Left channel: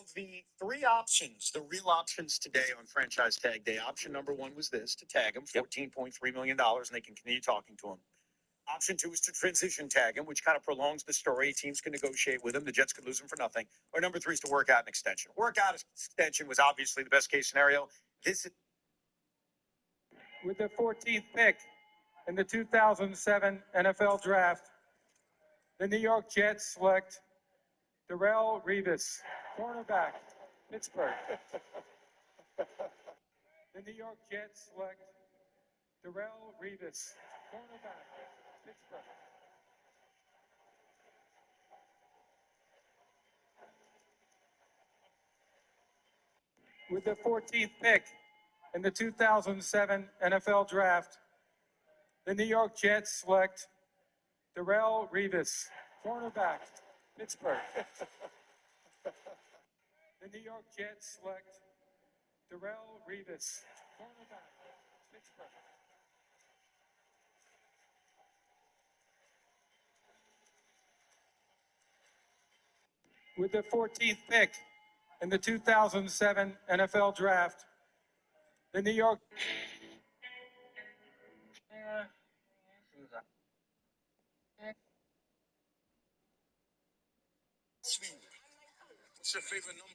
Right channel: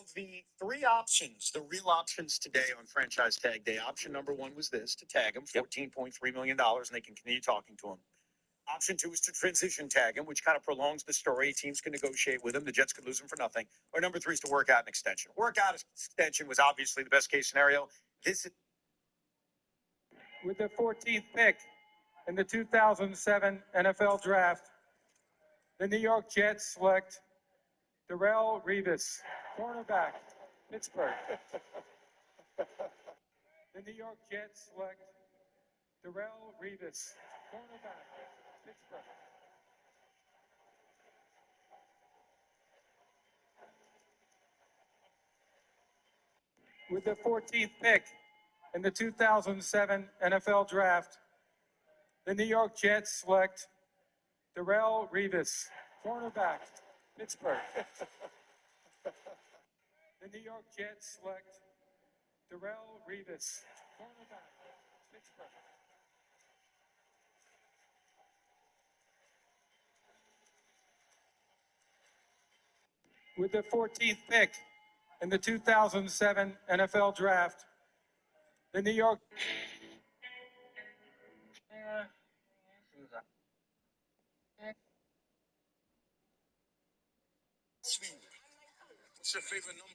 Of the three options, the real options today on franchise tag day, option number one was this to tag him, $14.3 million, and they can continue talking to him. Option two is to transition tag him, which kind of prolongs the story. Teams can negotiate with him. The Jets could lose him for nothing. Or number three is to work out an extension. Work out an extension was obviously the best case scenario. This is with the 14th pick in the 2007 NFL Draft, the New York Jets select Darrelle Revis, cornerback, Pittsburgh. The New York Jets select Darrelle Revis, cornerback, Pittsburgh. With the 14th pick in the 2007 NFL Draft, the New York Jets select Darrelle Revis, cornerback, Pittsburgh. The New York Jets select Darrelle Revis, cornerback, Pittsburgh. With the 14th pick in the 2007 NFL Draft, the New York. what's your favorite number?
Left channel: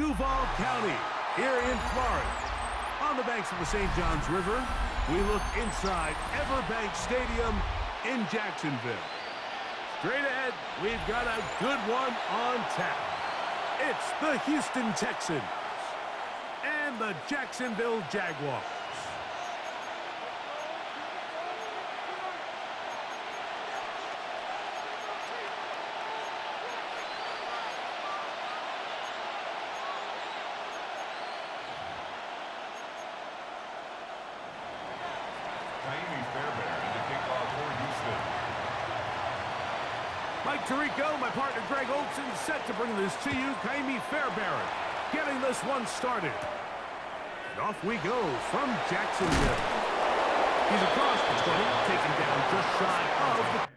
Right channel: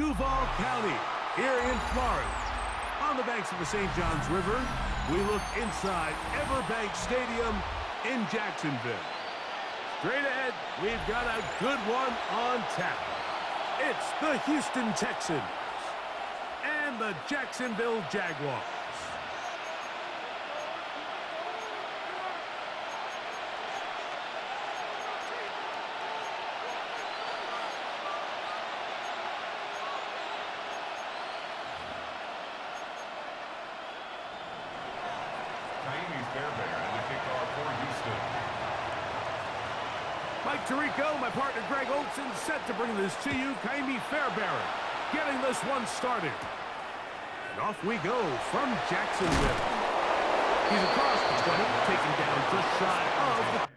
Duval County, here in Florida. On the banks of the St. Johns River, we look inside Everbank Stadium in Jacksonville. Straight ahead, we've got a good one on tap. It's the Houston Texans and the Jacksonville Jaguars. Mike Tirico, my partner Greg Olson, set to bring this to you. Kaimi Fairbairn getting this one started. And off we go from Jacksonville. He's across the 20, taken down just shy of the...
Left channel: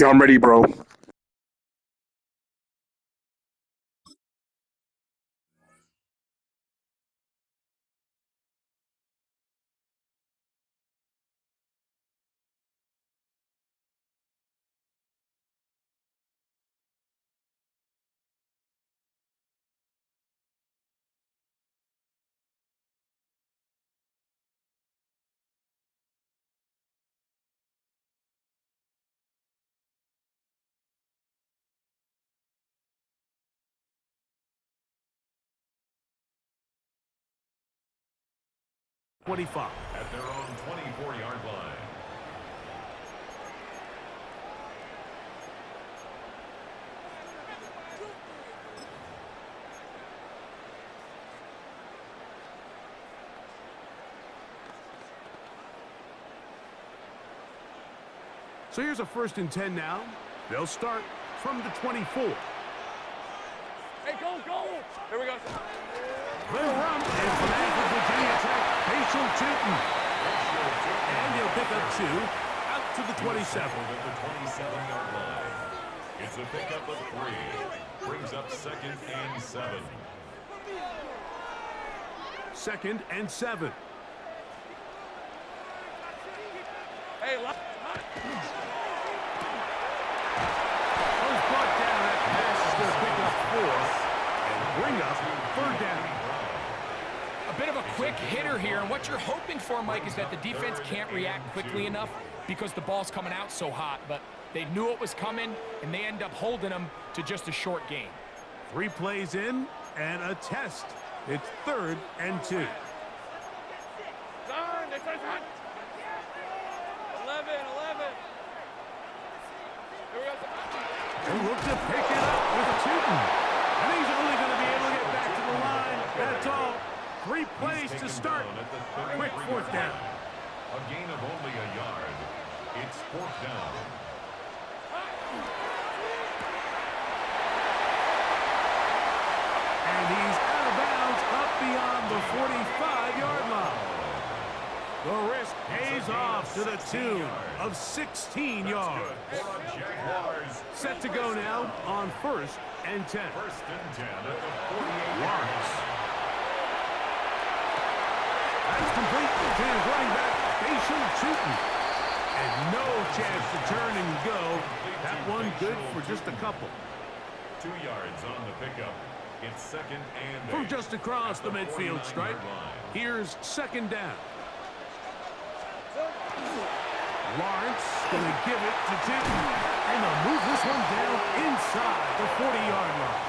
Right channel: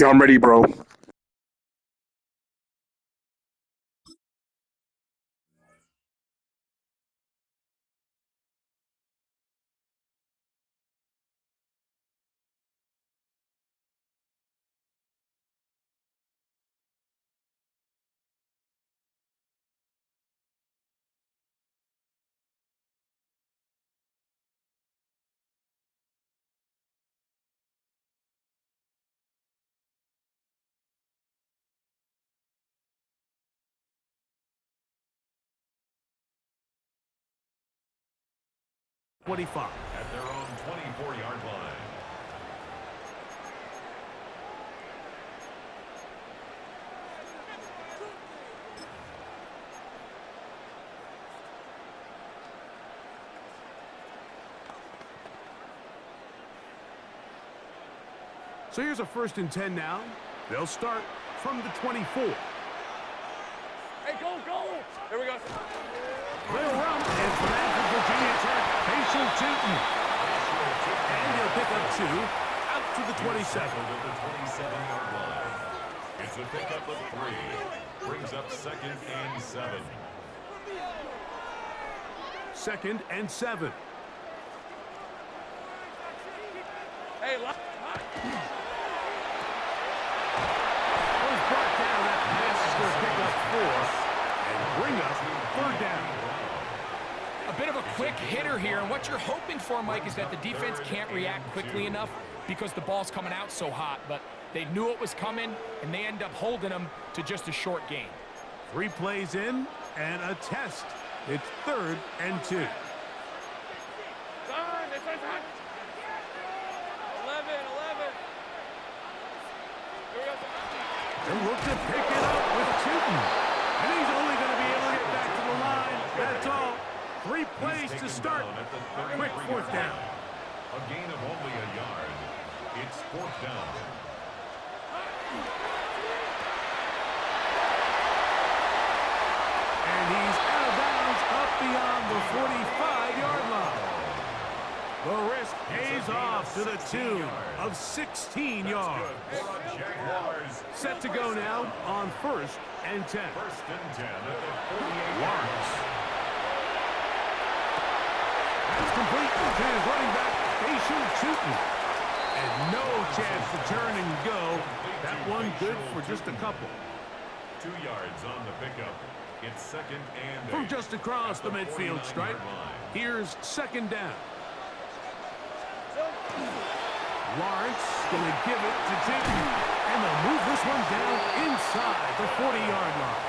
Yeah, I'm ready, bro. .25. At their own 24-yard line. So here's a 1st and 10 now. They'll start from the 24. Hey, go, go! Here we go. Little run, and for that for Virginia Tech, Facial Tootin. And he'll pick up 2, out to the 27. At the 27-yard line. It's a pickup of 3. Brings up 2nd and 7. 2nd and 7. Hey, Was brought down. That pass is going to pick up 4 and bring up 3rd down. A bit of a quick hitter here, and what you're hoping for, Mike, is that the defense can't react quickly enough because the ball's coming out so hot, but they knew it was coming, and they end up holding them to just a short gain. 3 plays in and a test. It's 3rd and 2. 11, 11. Here we go. They look to pick it up with Tootin. And he's only going to be able to get back to the line. That's all. 3 plays to start. Quick 4th down. A gain of only a yard. It's 4th down. And he's out of bounds up beyond the 45-yard line. The risk pays off to the tune of 16 yards. Set to go now on 1st and 10. 1st and 10 at the 48. Lawrence. That's complete to his running back, Facial Tootin. And no chance to turn and go. That one good for just a couple. 2 yards on the pickup. It's 2nd and 8. From just across the midfield stripe, here's 2nd down. Lawrence going to give it to Tootin. And they'll move this one down inside the 40-yard line.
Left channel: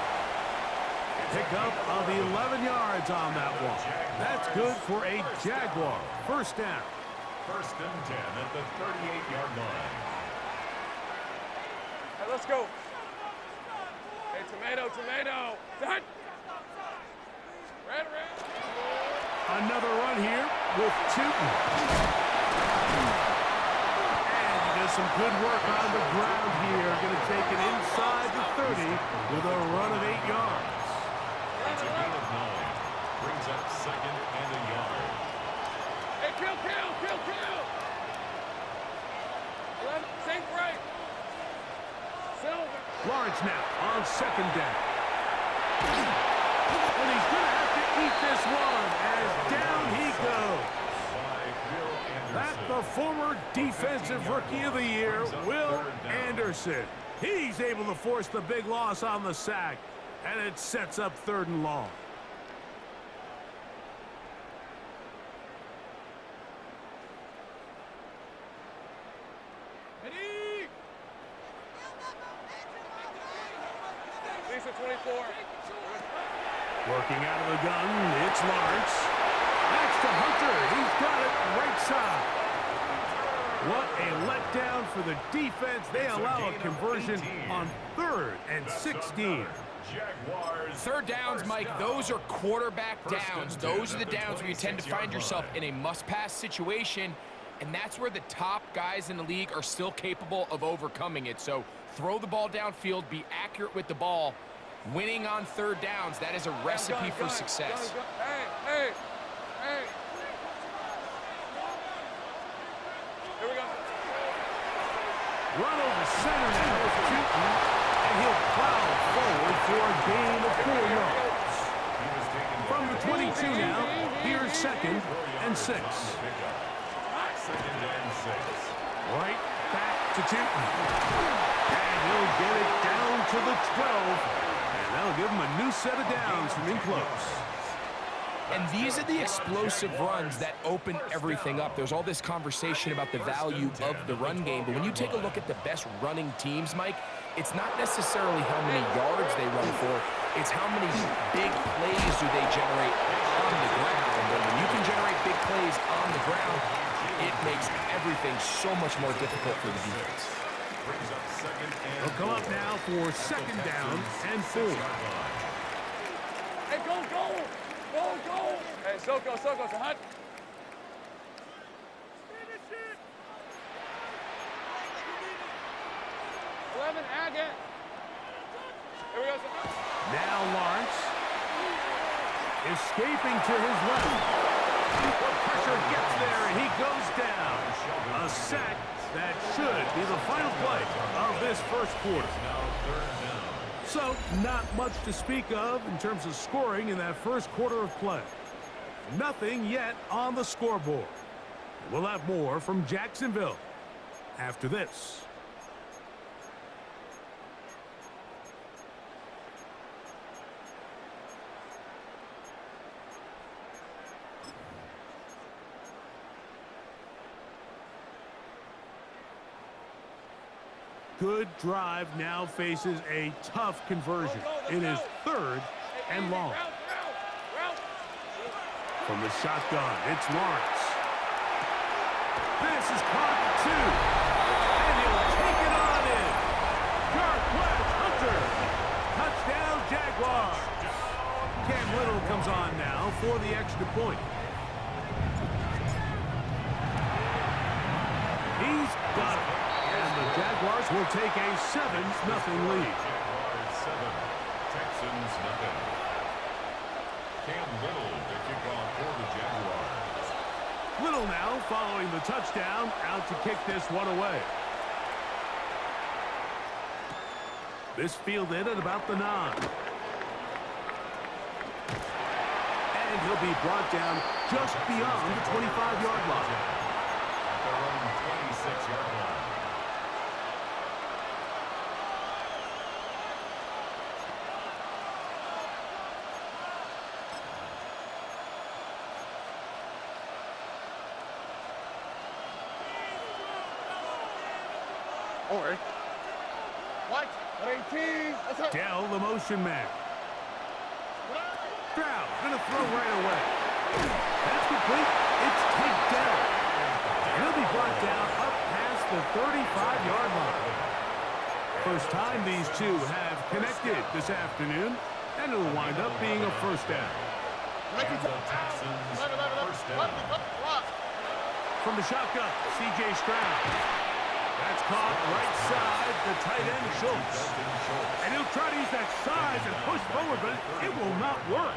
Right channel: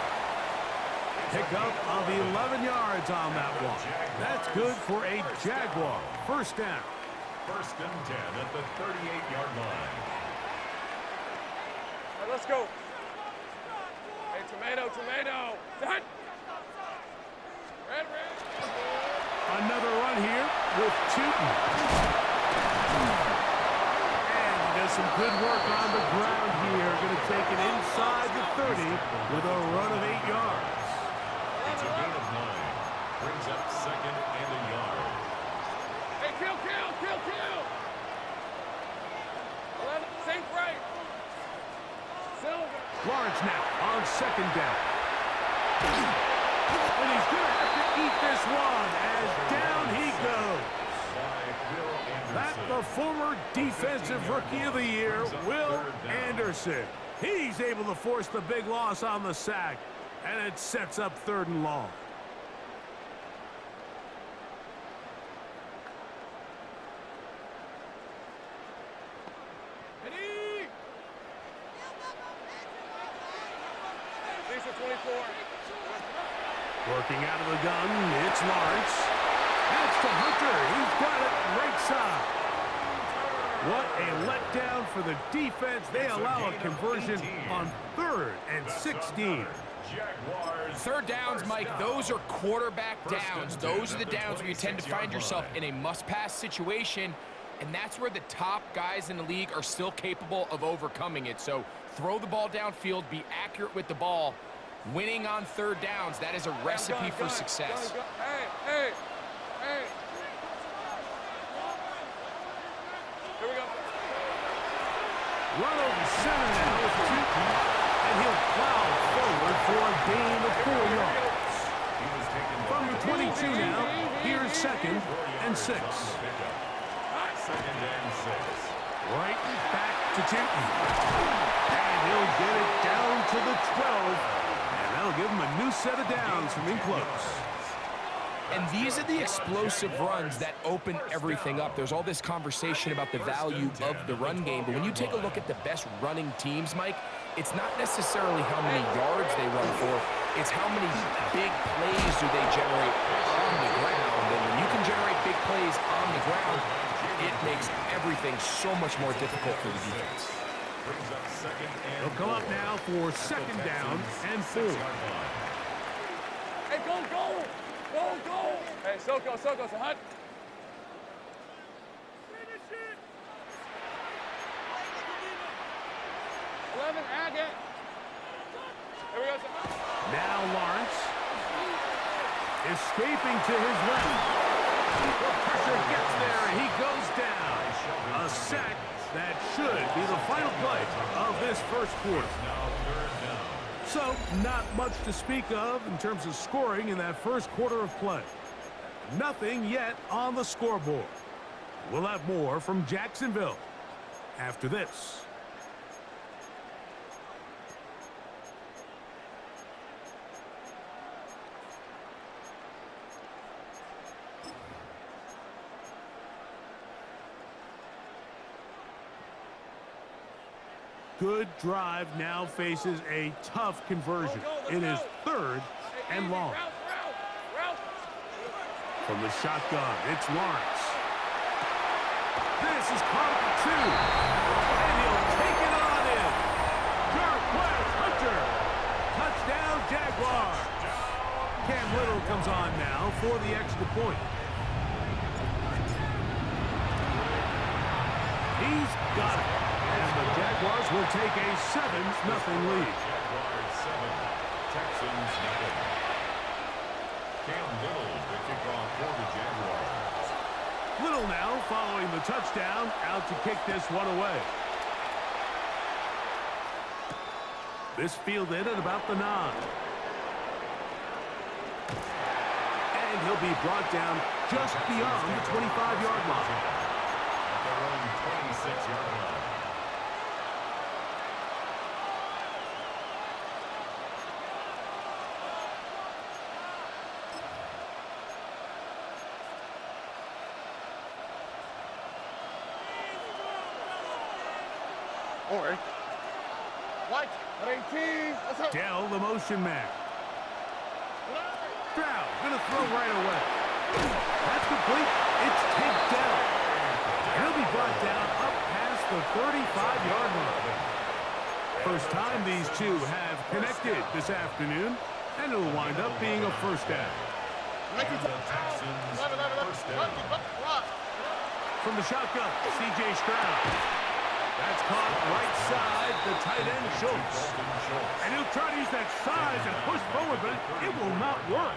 Pickup of 11 yards on that one. That's good for a Jaguar. 1st down. 1st and 10 at the 38-yard line. right, let's go. Hey, tomato, tomato. Done. Red. Another run here with Tootin. And he does some good work on the ground here. Going to take it inside the 30 with a run of 8 yards. It's a gain of 9. Brings up second and a yard. Hey, kill. 11, sink right. Silver. Lawrence now on second down. And he's going to have to eat this one as down he goes. That's the former Defensive Rookie of the Year, Will Anderson. He's able to force the big loss on the sack, and it sets up 3rd and long. Ready? Lisa 24. Working out of the gun, it's Lawrence. That's to Hunter. He's got it right side. What a letdown for the defense. They allow a conversion on 3rd and 16. Third downs, Mike, those are quarterback downs. Those are the downs where you tend to find yourself in a must-pass situation, and that's where the top guys in the league are still capable of overcoming it. So throw the ball downfield, be accurate with the ball. Winning on 3rd downs, that is a recipe for success. Hey. Here we go. Run over center now with Tootin, and he'll plow forward for a gain of 4 yards. From the 22 now, here's 2nd and 6. 2nd and 6. Right back to Tootin. And he'll get it down to the 12. And that'll give him a new set of downs from in close. And these are the explosive runs that open everything up. There's all this conversation about the value of the run game, but when you take a look at the best running teams, Mike, it's not necessarily how many yards they run for, it's how many big plays do they generate on the ground. And when you can generate big plays on the ground, it makes everything so much more difficult for the defense. Brings up 2nd and They'll come up now for 2nd down and 4. Hey, go. Hey, Soko, it's a hut. Finish it. 11, Agate. Here we go, Now Lawrence. Escaping to his left. The pressure gets there, and he goes down. A sack that should be the final play of this first quarter. Now 3rd down. So, not much to speak of in terms of scoring in that first quarter of play. Nothing yet on the scoreboard. We'll have more from Jacksonville after this. Good drive now faces a tough conversion. It is 3rd and long. Route. From the shotgun, it's Lawrence. This is caught at the 2. And he'll take it on in. Sharp West Hunter. Touchdown, Jaguars. Cam Little comes on now for the extra point. He's got it. And the Jaguars will take a 7-0 lead. Jaguars 7, Texans nothing. Cam Little to kick off for the Jaguars. Little now following the touchdown, out to kick this one away. This fielded at about the 9. And he'll be brought down just beyond the 25-yard line. At their own 26-yard line. Or what? 18. Dell, the motion man. Stroud gonna throw right away. That's complete. It's Tank Dell. And he'll be brought down up past the 35-yard line. First time these two have connected this afternoon, and it'll wind up being a first down. And the Texans first down. From the shotgun, C.J. Stroud. That's caught right side, the tight end Schultz. And he'll try to use that size and push forward, but it will not work.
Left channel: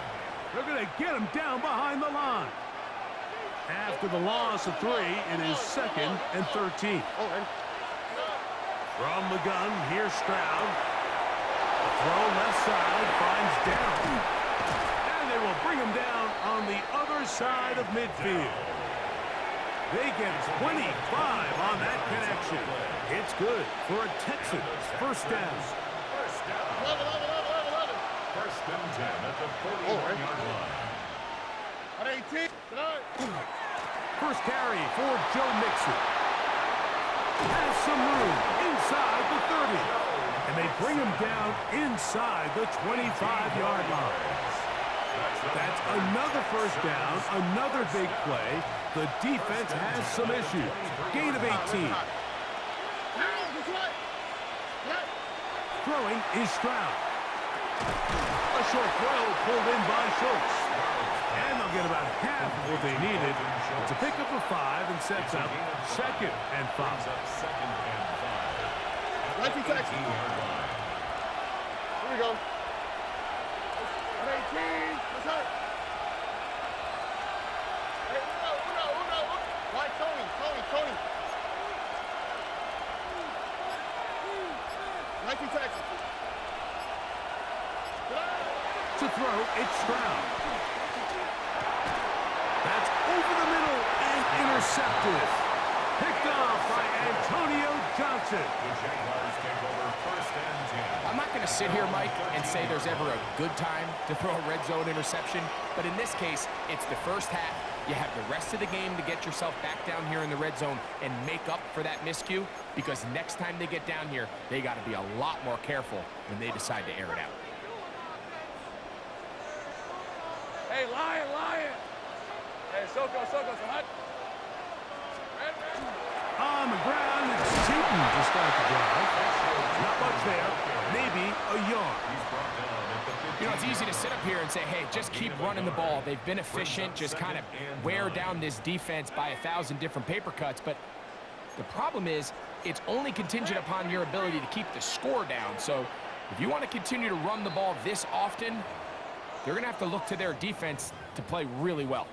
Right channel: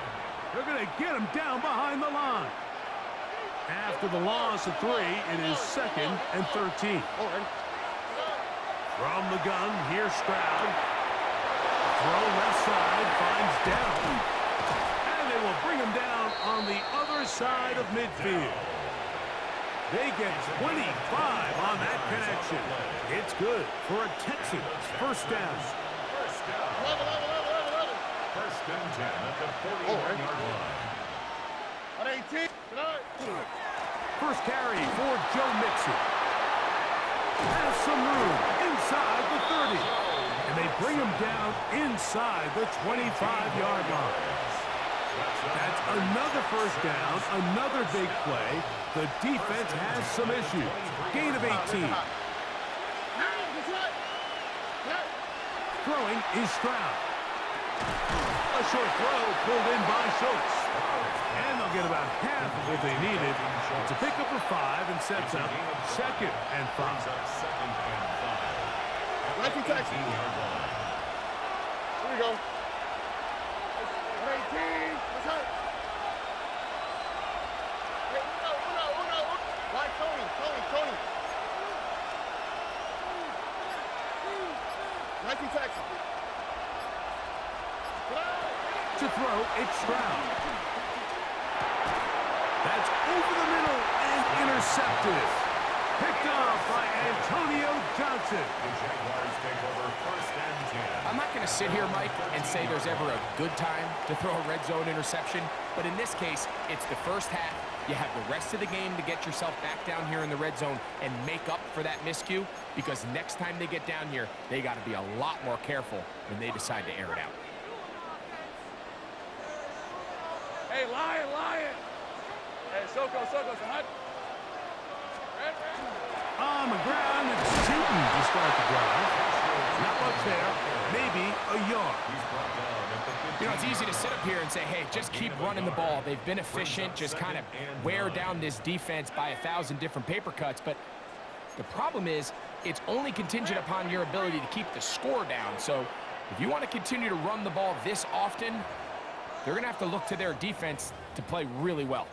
They're going to get him down behind the line. After the loss of 3, it is 2nd and 13. From the gun, here's Stroud. The throw left side finds down. And they will bring him down on the other side of midfield. They get 25 on that connection. It's good for a Texans first down. First down. First and 10 at the 41-yard line. First carry for Joe Mixon. Has some room inside the 30. And they bring him down inside the 25-yard line. That's another first down, another big play. The defense has some issues. Gain of 18. Throwing is Stroud. A short throw pulled in by Schultz. And they'll get about half of what they needed to pick up a 5 and sets up 2nd and 5. Second and 5. Right to Texas. Here we go. 18. Let's go. Hey, Uno. Right, Tony. Right to Texas. To throw, it's Stroud. That's over the middle and intercepted. Picked off by Antonio Johnson. The Jaguars take over first and 10. I'm not going to sit here, Mike, and say there's ever a good time to throw a red zone interception, but in this case, it's the first half. You have the rest of the game to get yourself back down here in the red zone and make up for that miscue, because next time they get down here, they got to be a lot more careful when they decide to air it out. Hey, Lion. Hey, Soko, Sahut. Red. On the ground, it's Tootin to start the drive. Not much there, maybe a yard. You know, it's easy to sit up here and say, hey, just keep running the ball. They've been efficient, just kind of wear down this defense by 1,000 different paper cuts. But the problem is, it's only contingent upon your ability to keep the score down. So if you want to continue to run the ball this often, they're going to have to look to their defense to play really well.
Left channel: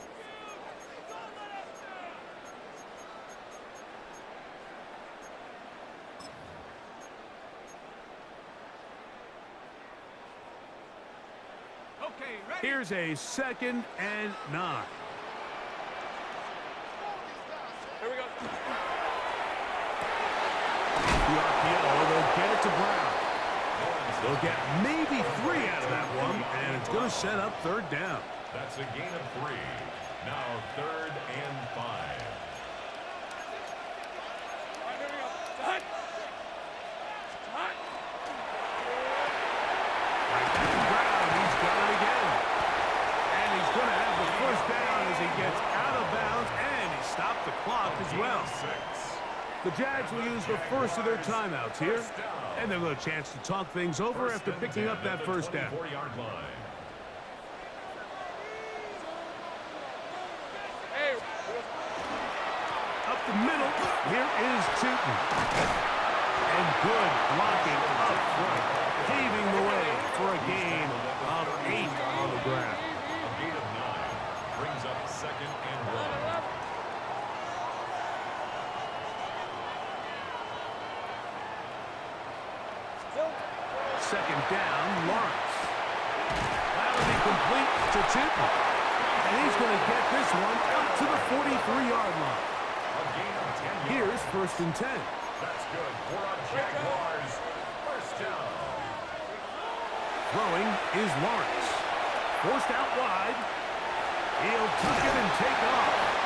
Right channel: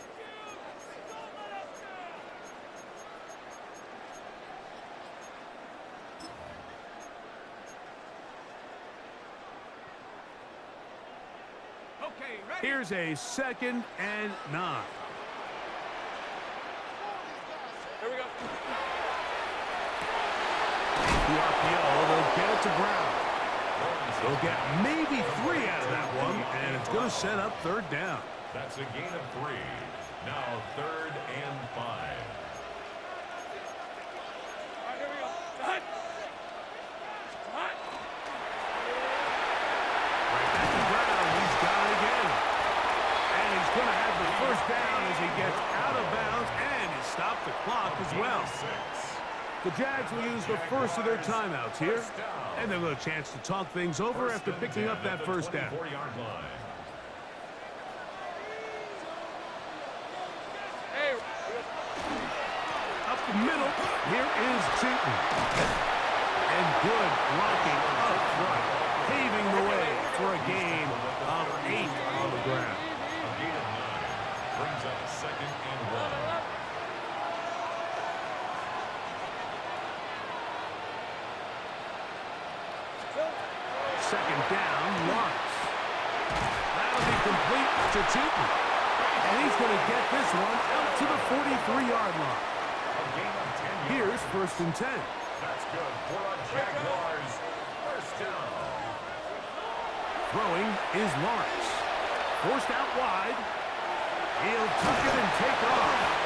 Here's a 2nd and 9. Here we go. The RPO, they'll get it to Brown. They'll get maybe 3 out of that one, and it's going to set up 3rd down. That's a gain of 3. Now 3rd and 5. All right, here we go. Sahut. Right back to Brown. He's got it again. And he's going to have the first down as he gets out of bounds, and he stopped the clock as well. The Jags will use the first of their timeouts here, and they'll get a chance to talk things over after picking up that first down. Hey. Up the middle, here is Tootin. And good blocking up front, paving the way for a gain of 8 on the ground. A gain of 9 brings up 2nd and 1. Second down, Lawrence. That'll be complete to Tootin. And he's going to get this one out to the 43-yard line. A gain of 10 yards. Here's 1st and 10. That's good for a Jaguars first down. Throwing is Lawrence. Forced out wide. He'll tuck it and take off.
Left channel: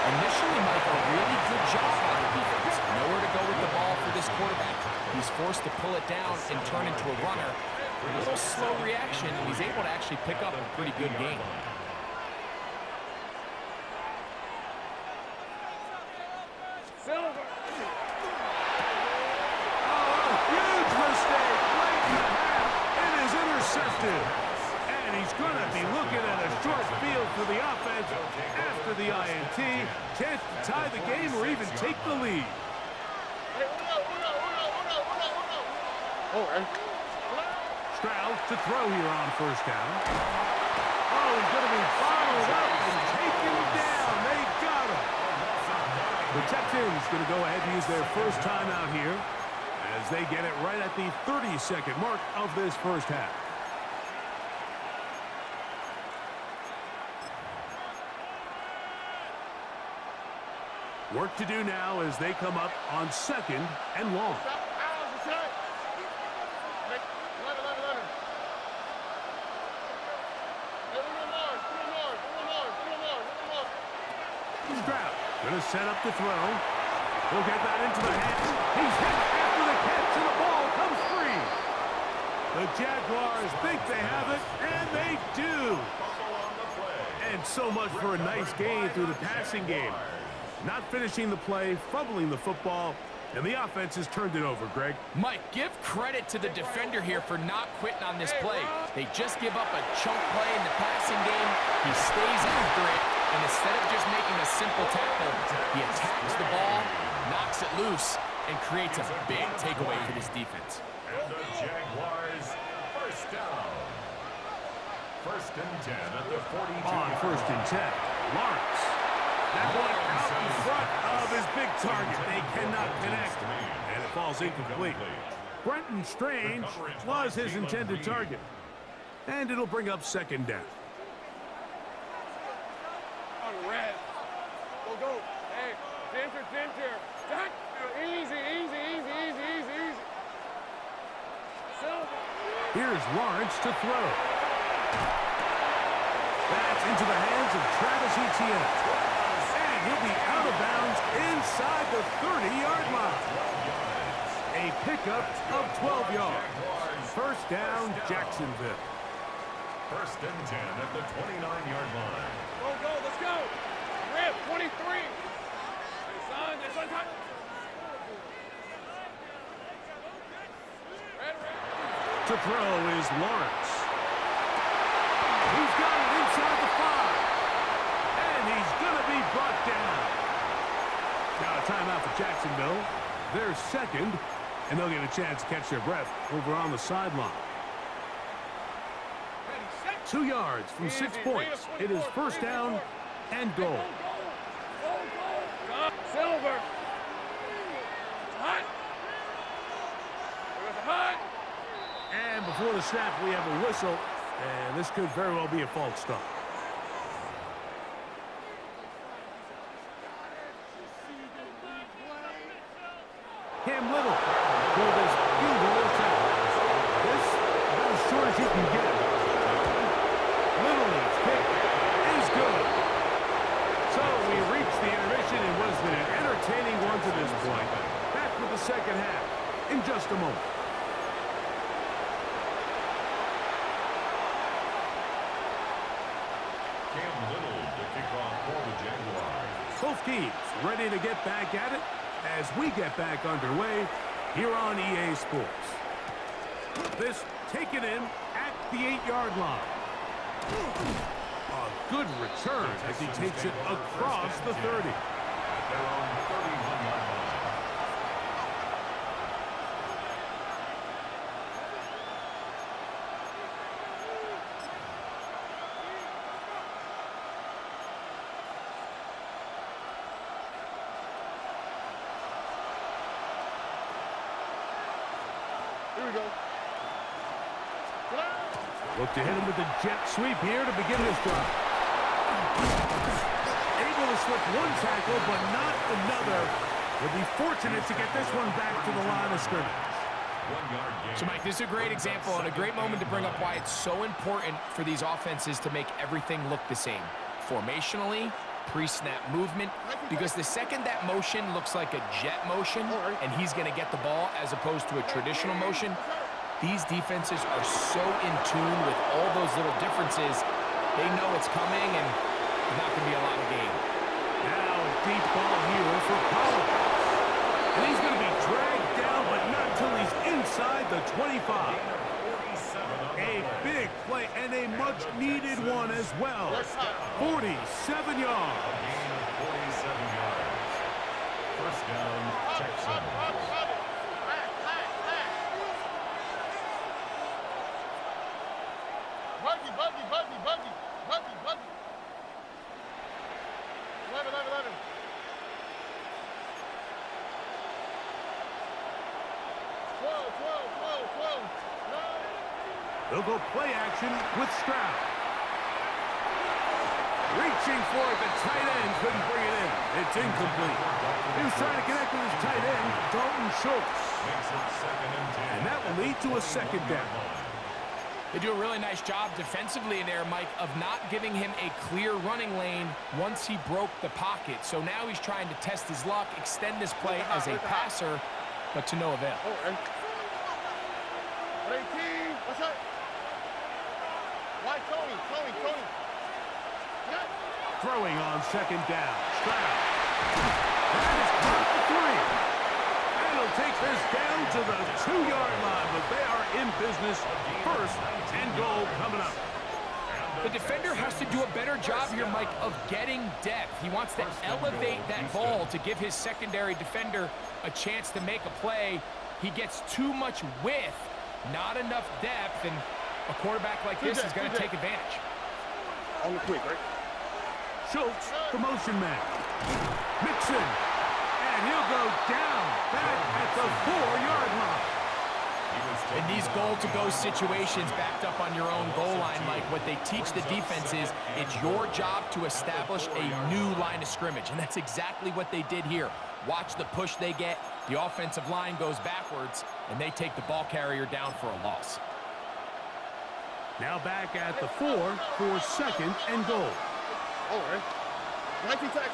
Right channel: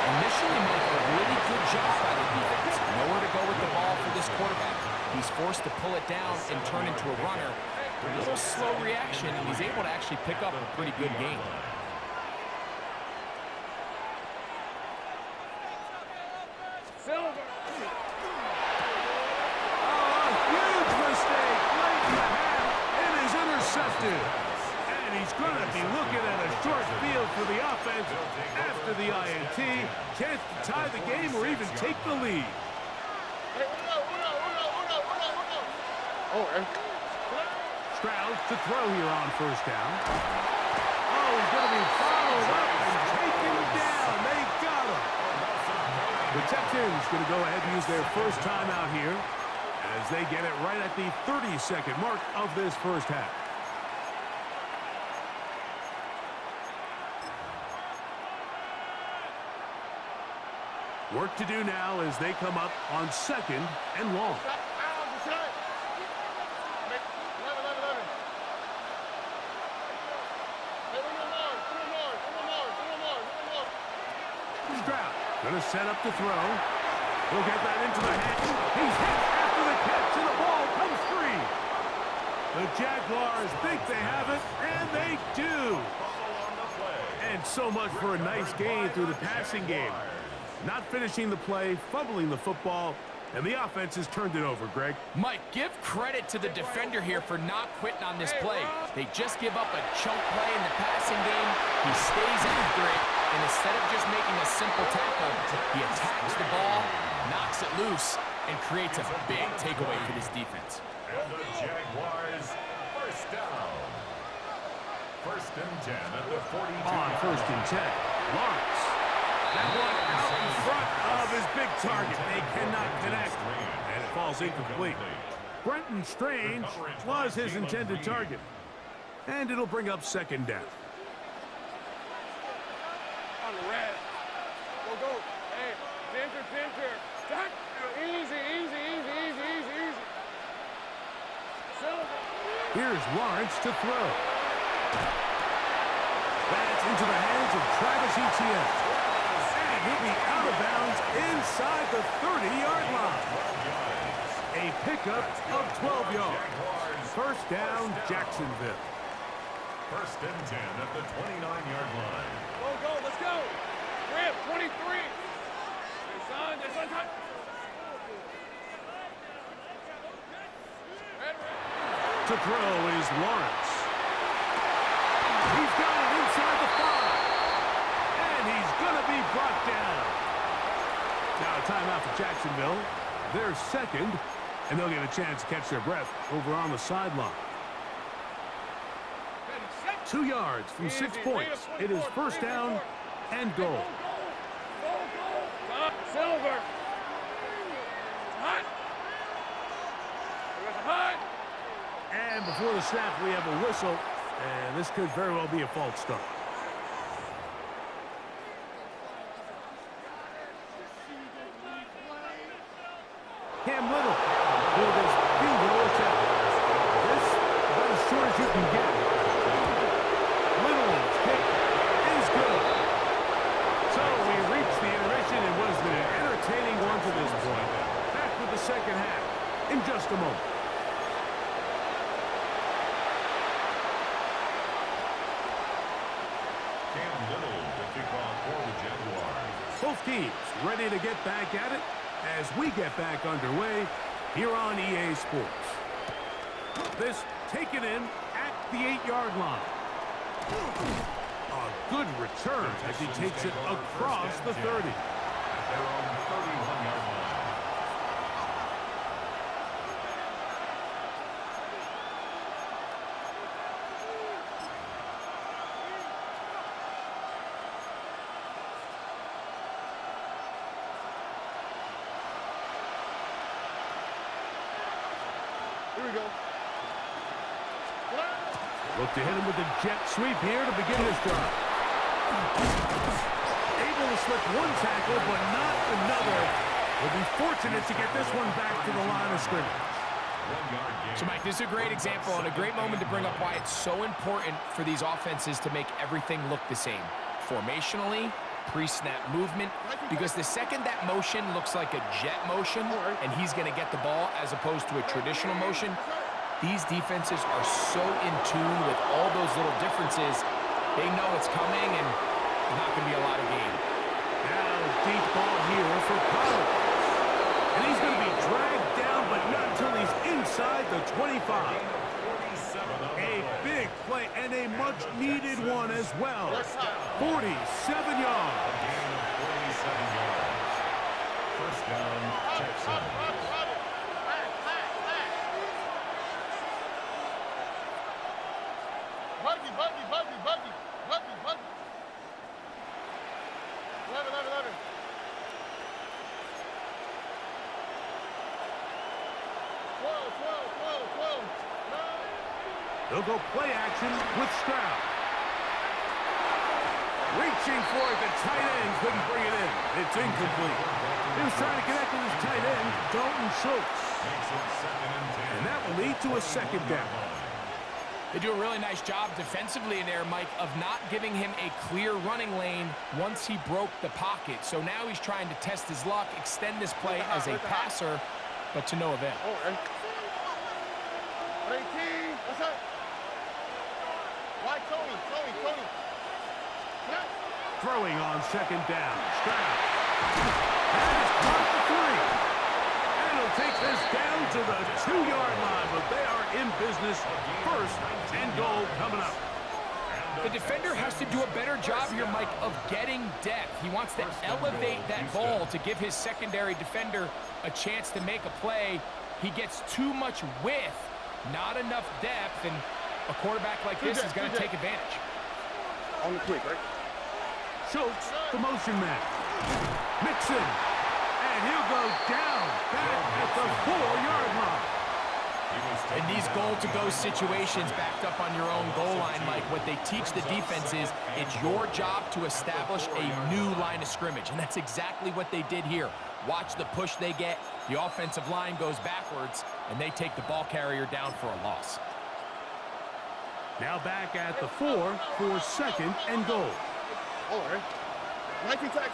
Initially, Mike, a really good job by the defense. Nowhere to go with the ball for this quarterback. He's forced to pull it down and turn into a runner. A little slow reaction, and he's able to actually pick up a pretty good game. Silver. Oh, a huge do. And he's going to be looking at a short field for the offense after the INT. Chance to tie the game or even take the lead. Stroud to throw here on first down. Oh, he's going to be followed up and taken down. They got him. The Texans going to go ahead and use their first timeout here as they get it right at the 30-second mark of this first half. Work to do now as they come up on second and long. Stroud going to set up to throw. He'll get that into the hands. He's hit after the catch, and the ball comes free. The Jaguars think they have it, and they do. And so much for a nice gain through the passing game. Not finishing the play, fumbling the football, and the offense has turned it over, Greg. Mike, give credit to the defender here for not quitting on this play. They just give up a chunk play in the passing game. He stays after it, and instead of just making a simple tackle, he attacks the ball, knocks it loose, and creates a big takeaway for this defense. And the Jaguars, first down. First and 10 at the 42. On first and 10, Lawrence. That one out in front of his big target. They cannot connect, and it falls incomplete. Brenton Strange was his intended target, and it'll bring up second down. On the red. Go. Hey, Ginger. Easy. Silver. Here's Lawrence to throw. That's into the hands of Travis Etienne. And he'll be out of bounds inside the 30-yard line. A pickup of 12 yards. First down, Jacksonville. First and 10 at the 29-yard line. Go, let's go. Rip, 23. Hey, son, To throw is Lawrence. He's got it inside the 5. And he's going to be brought down. Now a timeout for Jacksonville. They're second, and they'll get a chance to catch their breath over on the sideline. 2 yards from 6 points. It is first down and goal. Go. Silver. Hot. There's a hot. And before the snap, we have a whistle, and this could very well be a false start. Cam Little for this field goal attempt. This about as short as you can get. Little's kick is good. So we reached the intermission. It was an entertaining one to this point. Back with the second half in just a moment. Cam Little to kick off for the Jaguars. Both teams ready to get back at it as we get back underway here on EA Sports. This taken in at the 8-yard line. A good return as he takes it across the 30. At their own 31-yard line. Here we go. Look to hit him with a jet sweep here to begin this drive. Able to slip one tackle, but not another. He'll be fortunate to get this one back to the line of scrimmage. 1 yard gain. So, Mike, this is a great example and a great moment to bring up why it's so important for these offenses to make everything look the same. Formationally, pre-snap movement, because the second that motion looks like a jet motion and he's going to get the ball as opposed to a traditional motion, these defenses are so in tune with all those little differences. They know it's coming, and there's not going to be a lot of gain. Now a deep ball here for Collins. And he's going to be dragged down, but not until he's inside the 25. A big play and a much-needed one as well. 47 yards. A gain of 47 yards. First down, Texans. Buggy. 11. Twelve. They'll go play action with Stroud. Reaching for it, the tight end couldn't bring it in. It's incomplete. He was trying to connect with his tight end, Dalton Schultz. Makes it 2nd and 10. And that will lead to a second down. They do a really nice job defensively in there, Mike, of not giving him a clear running lane once he broke the pocket. So now he's trying to test his luck, extend this play as a passer, but to no avail. 18. What's up? Why Tony? Throwing on second down. Stroud. That is caught the 3. And he'll take this down to the 2-yard line, but they are in business. First and goal coming up. The defender has to do a better job here, Mike, of getting depth. He wants to elevate that ball to give his secondary defender a chance to make a play. He gets too much width, not enough depth, and a quarterback like this is going to take advantage. On the quick, right? Schultz, the motion man. Mixon. And he'll go down back at the 4-yard line. In these goal-to-go situations backed up on your own goal line, Mike, what they teach the defense is it's your job to establish a new line of scrimmage, and that's exactly what they did here. Watch the push they get. The offensive line goes backwards, and they take the ball carrier down for a loss. Now back at the 4 for second and goal. All right. 19 Texas.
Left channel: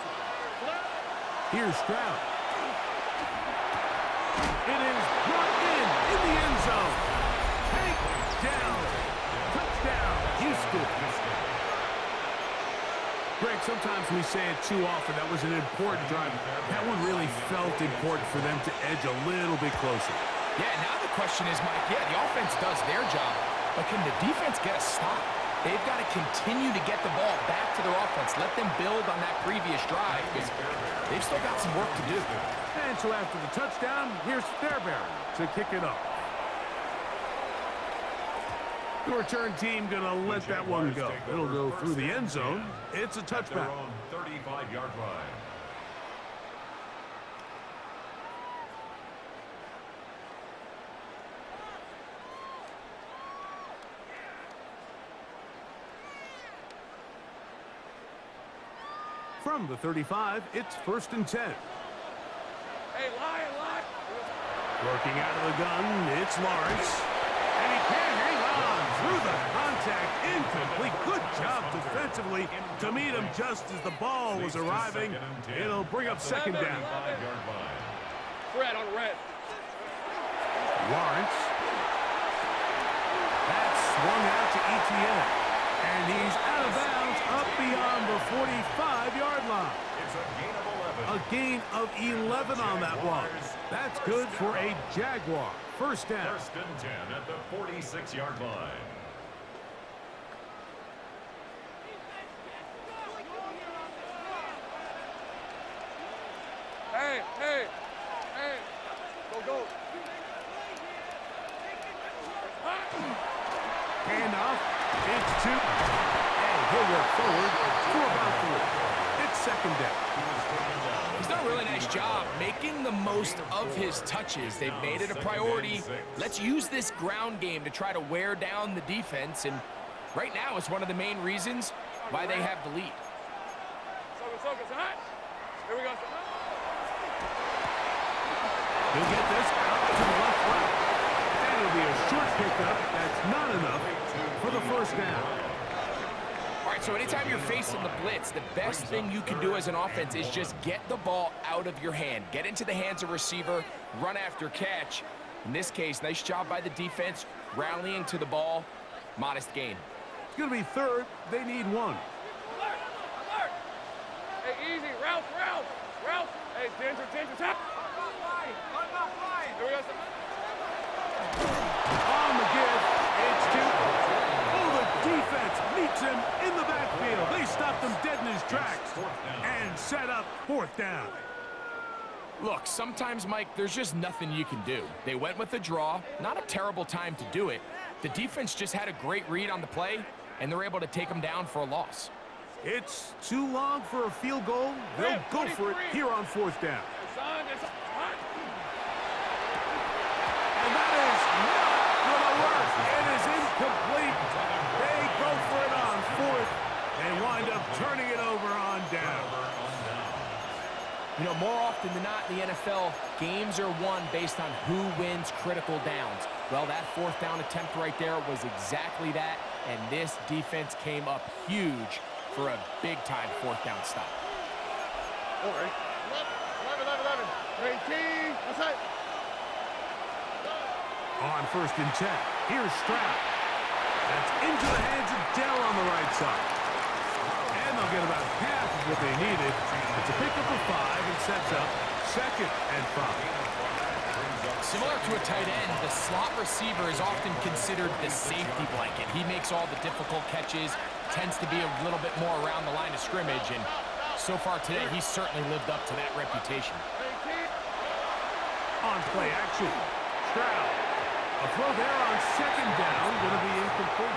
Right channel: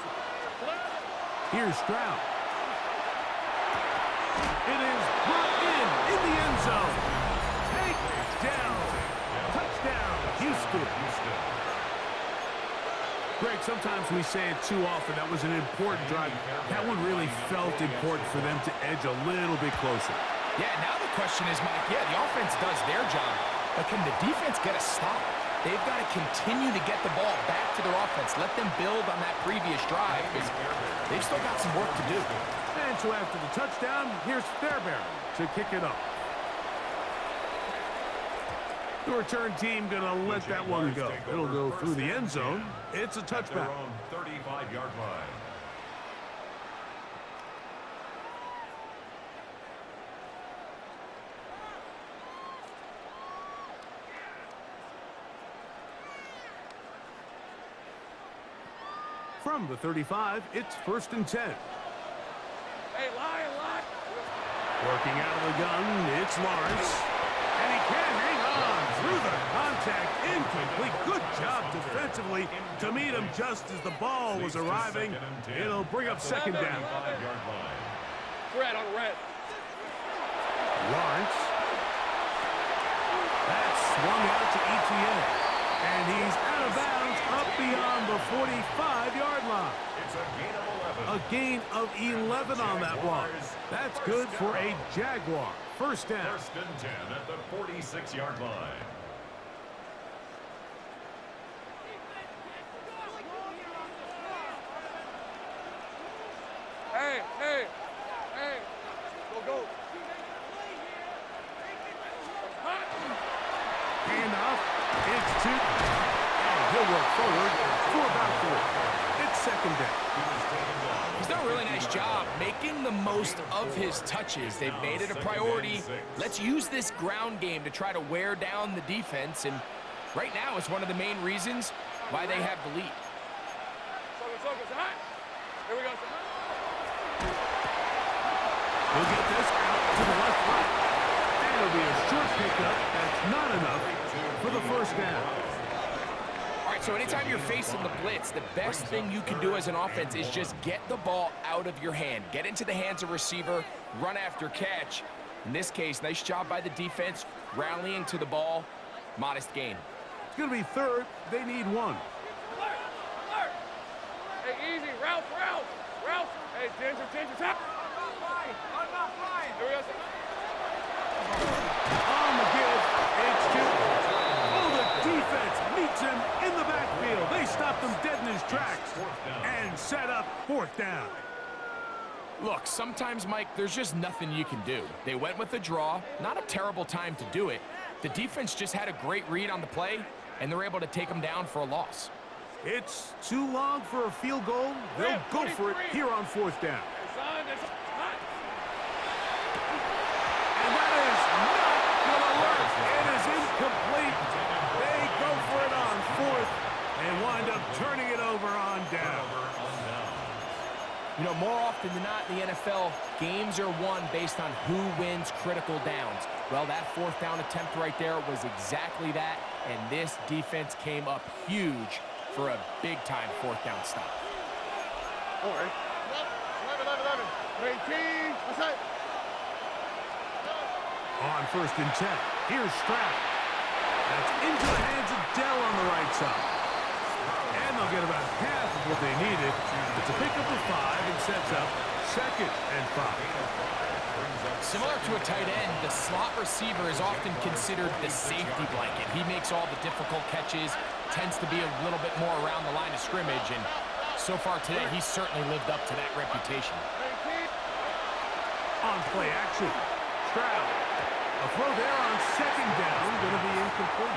Here's Stroud. It is brought in the end zone. Take down. Touchdown, Houston. Greg, sometimes we say it too often. That was an important drive. That one really felt important for them to edge a little bit closer. Yeah, now the question is, Mike, the offense does their job, but can the defense get a stop? They've got to continue to get the ball back to their offense. Let them build on that previous drive because they've still got some work to do. And so after the touchdown, here's Fairbairn to kick it off. The return team going to let that one go. It'll go through the end zone. It's a touchback. 35-yard line. From the 35, it's 1st and 10. Hey, lie. Working out of the gun, it's Lawrence. And he can't hang on through the contact. Incomplete. Good job defensively to meet him just as the ball was arriving. It'll bring up second down. Red on red. Lawrence. That's swung out to Etienne. And he's out of bounds up beyond the 45-yard line. It's a gain of 11. A gain of 11 on that one. That's good for a Jaguar. First down. 1st and 10 at the 46-yard line. Hey. Go. Handoff. It's 2. And he'll work forward for about 3. It's second down. He's done a really nice job making the most of his touches. They've made it a priority. Let's use this ground game to try to wear down the defense. And right now, it's one of the main reasons why they have the lead. Here we go. He'll get this out to the left right. And it'll be a short pickup. That's not enough for the first down. All right, so anytime you're facing the blitz, the best thing you can do as an offense is just get the ball out of your hand. Get into the hands of receiver, run after catch. In this case, nice job by the defense, rallying to the ball. Modest gain. It's going to be 3rd. They need 1. Alert! Hey, easy. Ralph. Hey, Ginger, tap. I'm not flying. Here we go. On the give, it's two. Oh, the defense meets him in the backfield. They stopped him dead in his tracks and set up fourth down. Look, sometimes, Mike, there's just nothing you can do. They went with the draw. Not a terrible time to do it. The defense just had a great read on the play, and they're able to take them down for a loss. It's too long for a field goal. They'll go for it here on fourth down. And that is not going to work. It is incomplete. They go for it on fourth and wind up turning it over on down. You know, more often than not in the NFL, games are won based on who wins critical downs. Well, that fourth down attempt right there was exactly that, and this defense came up huge for a big-time fourth down stop. All right. 11. 18. What's that? On first and 10, here's Stroud. That's into the hands of Dell on the right side. And they'll get about half of what they needed. It's a pickup of 5 and sets up 2nd and 5. Similar to a tight end, the slot receiver is often considered the safety blanket. He makes all the difficult catches, tends to be a little bit more around the line of scrimmage, and so far today, he's certainly lived up to that reputation. On play action, Stroud. A throw there on 2nd down, going to be incomplete.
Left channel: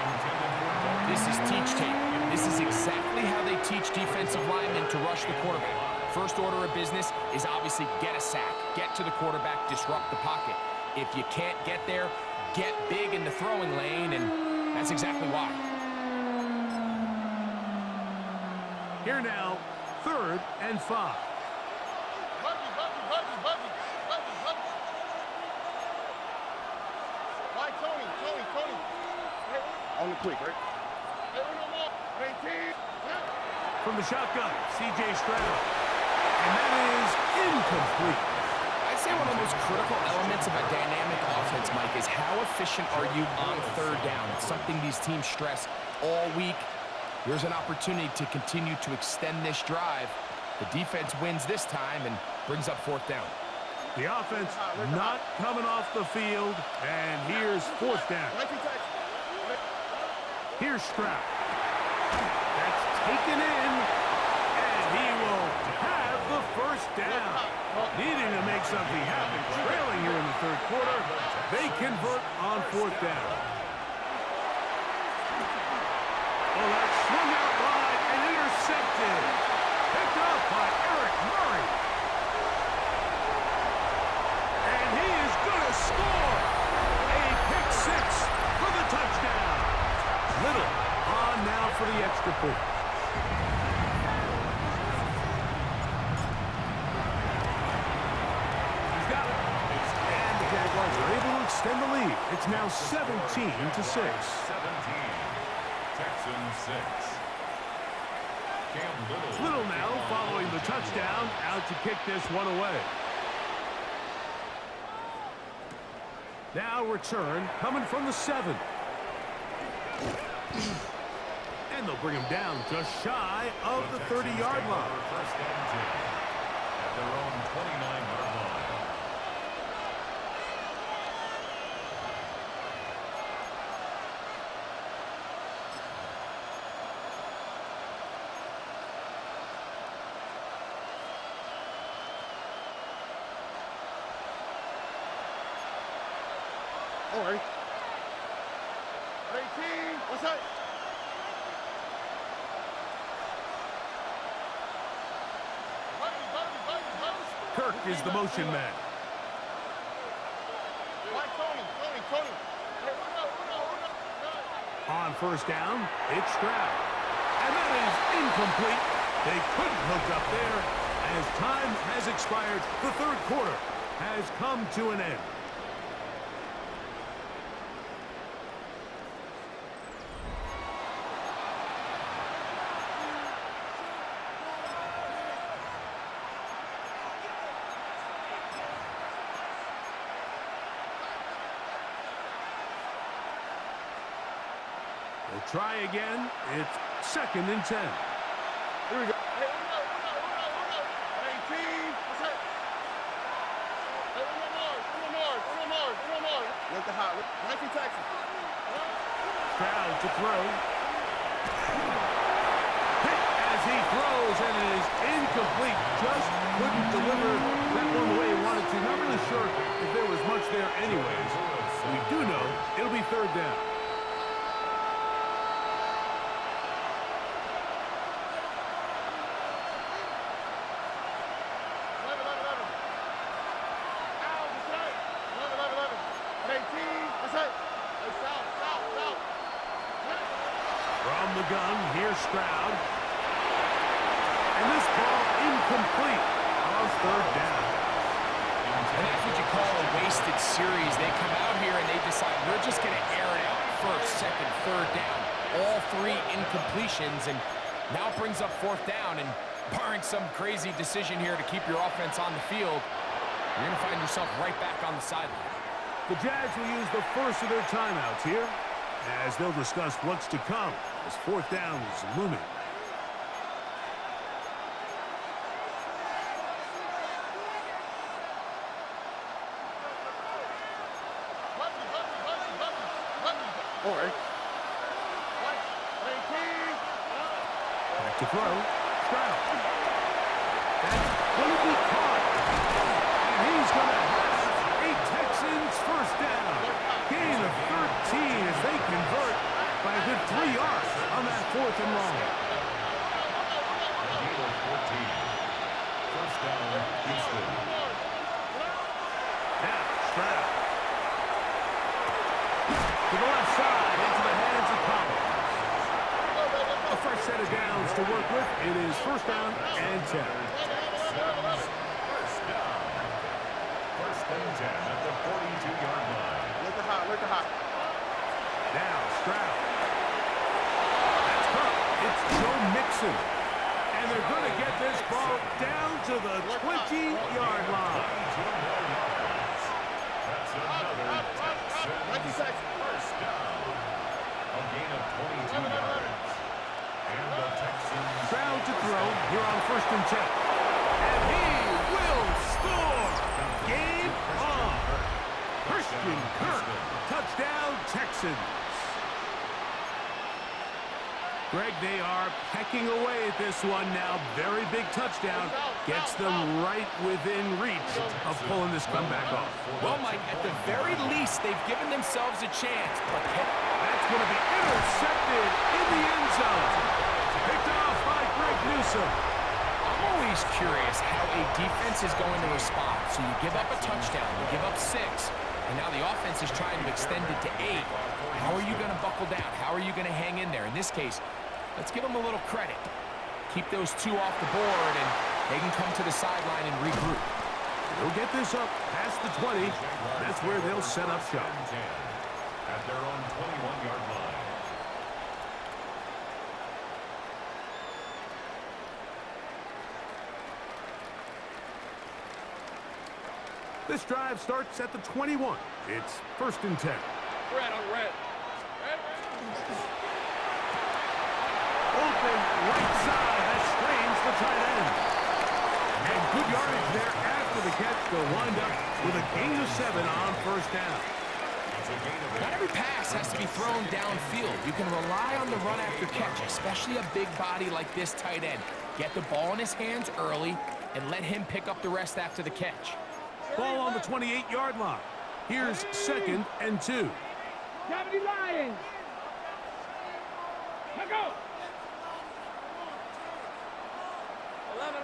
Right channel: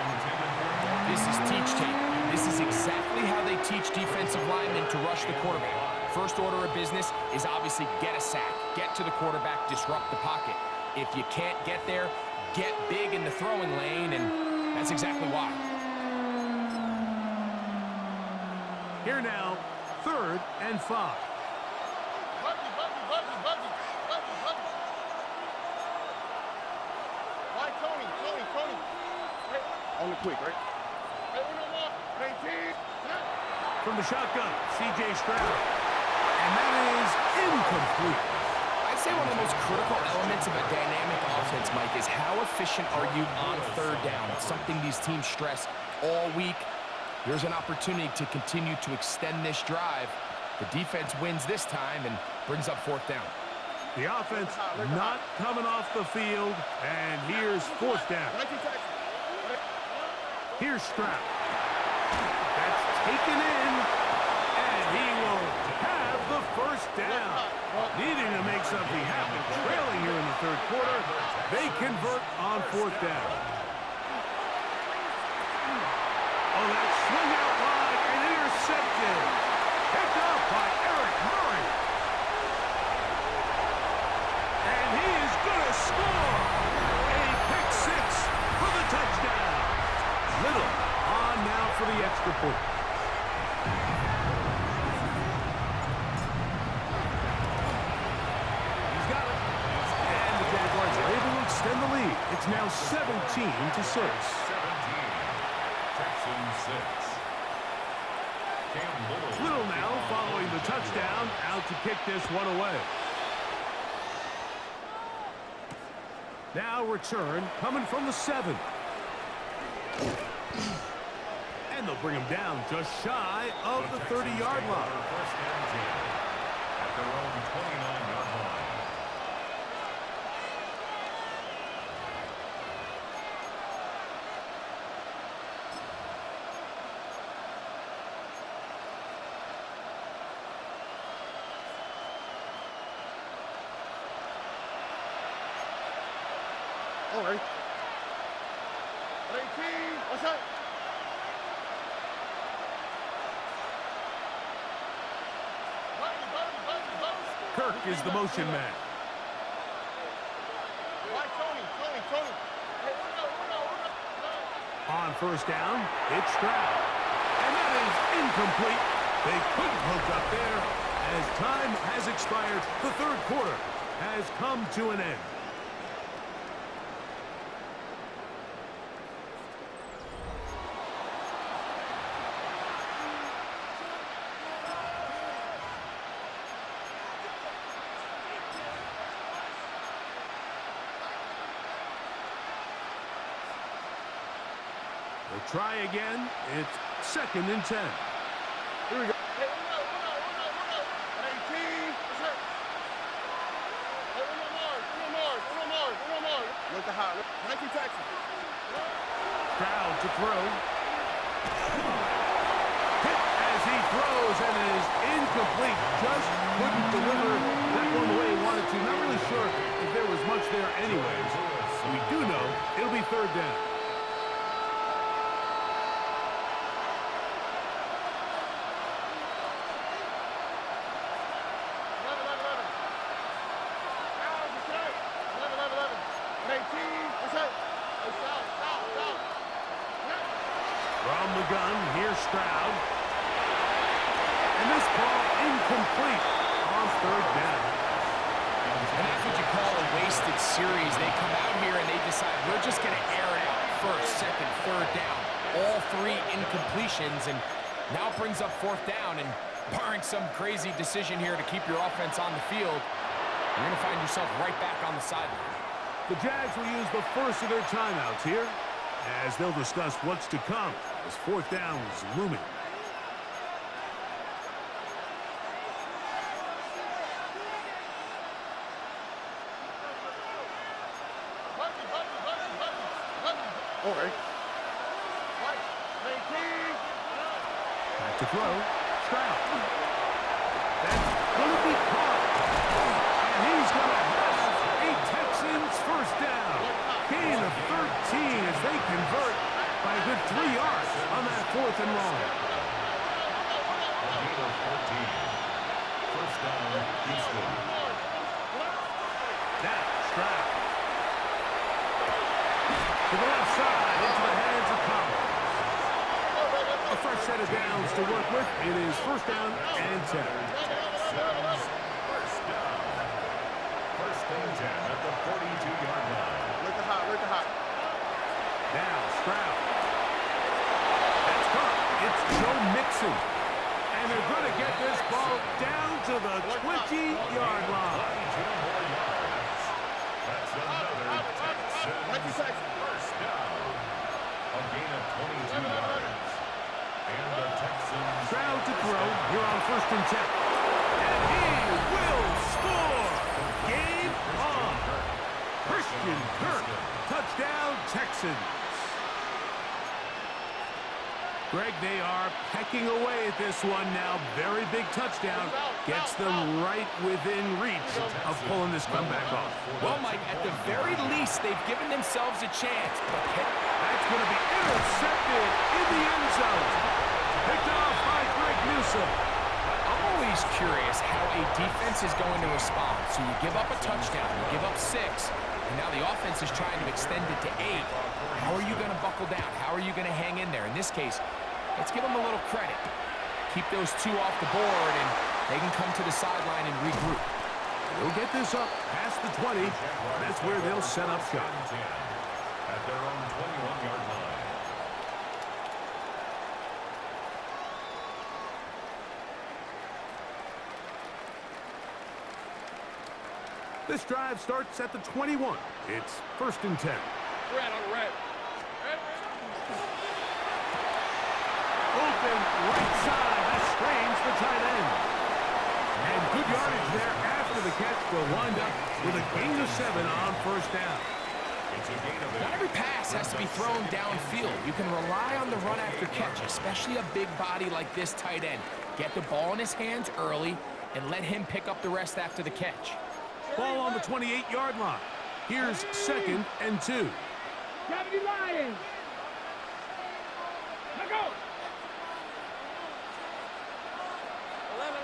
This is teach tape. This is exactly how they teach defensive linemen to rush the quarterback. First order of business is obviously get a sack, get to the quarterback, disrupt the pocket. If you can't get there, get big in the throwing lane, and that's exactly why. Here now, 3rd and 5. Buggy. Why, Tony? Hey, on the quick, right? Hey, no more. 18. From the shotgun, C.J. Stroud. And that is incomplete. I'd say one of the most critical elements of a dynamic offense, Mike, is how efficient are you on 3rd down? It's something these teams stress all week. Here's an opportunity to continue to extend this drive. The defense wins this time and brings up 4th down. The offense not coming off the field, and here's 4th down. Here's Stroud. That's taken in, and he will have the 1st down. Needing to make something happen, trailing here in the 3rd quarter, they convert on 4th down. Oh, that swung out wide and intercepted. Picked up by Eric Murray. And he is going to score. A pick 6 for the touchdown. Little on now for the extra point. He's got it. And the Jaguars are able to extend the lead. It's now 17-6. 17. Texans 6. Cam Little now following the touchdown, out to kick this one away. Now return coming from the 7. And they'll bring him down just shy of the 30-yard line. First and 10 at their own 29-yard line. All right. 18. What's that? Kirk is the motion man. Why, Tony? Hey, Uno. On first down, it's Stroud. And that is incomplete. They couldn't hook up there. As time has expired, the 3rd quarter has come to an end. We'll try again. It's 2nd and 10. Here we go. Hey, Uno. 18. What's that? Hey, Uno Mars. Look at hot. Nike taxi. Stroud to throw. Hit as he throws, and it is incomplete. Just couldn't deliver that one the way he wanted to. Not really sure if there was much there anyways. We do know it'll be third down. From the gun, here's Stroud. And this ball incomplete on third down. And that's what you call a wasted series. They come out here and they decide we're just going to air it out first, second, third down. All three incompletions, and now it brings up fourth down. And barring some crazy decision here to keep your offense on the field, you're going to find yourself right back on the sideline. The Jags will use the first of their timeouts here as they'll discuss what's to come as fourth down is looming. Back to throw. Stroud. That's going to be caught. And he's going to have a Texans first down. Gain of 13 as they convert by a good 3 yards on that fourth and long. Gain of 14. First down, Houston. Now, Stroud. To the left side, into the hands of Collins. A fresh set of downs to work with. It is first down and 10. Texans, first down. First and 10 at the 42-yard line. Look at hot. Now, Stroud. That's caught. It's Joe Mixon. And they're going to get this ball down to the 20-yard line. 22 more yards. That's another Texans first down. A gain of 22 yards. And the Texans... Stroud to throw. Here on first and 10. And he will score. Game on. Christian Kirk. Touchdown, Texans. Greg, they are pecking away at this one now. Very big touchdown. Gets them right within reach of pulling this comeback off. Well, Mike, at the very least, they've given themselves a chance. But that's going to be intercepted in the end zone. Picked off by Greg Newsome. I'm always curious how a defense is going to respond. So you give up a touchdown, you give up 6, and now the offense is trying to extend it to 8. How are you going to buckle down? How are you going to hang in there? In this case, let's give them a little credit. Keep those 2 off the board, and they can come to the sideline and regroup. They'll get this up past the 20. That's where they'll set up shop. At their own 21-yard line. This drive starts at the 21. It's first and 10. Red on red. Open right side. That strains the tight end. And good yardage there after the catch. They'll wind up with a gain of 7 on first down. It's a gain of 8. Not every pass has to be thrown downfield. You can rely on the run after catch, especially a big body like this tight end. Get the ball in his hands early and let him pick up the rest after the catch. Ball on the 28-yard line. Here's second and 2. 70 Lions. Let go. 11.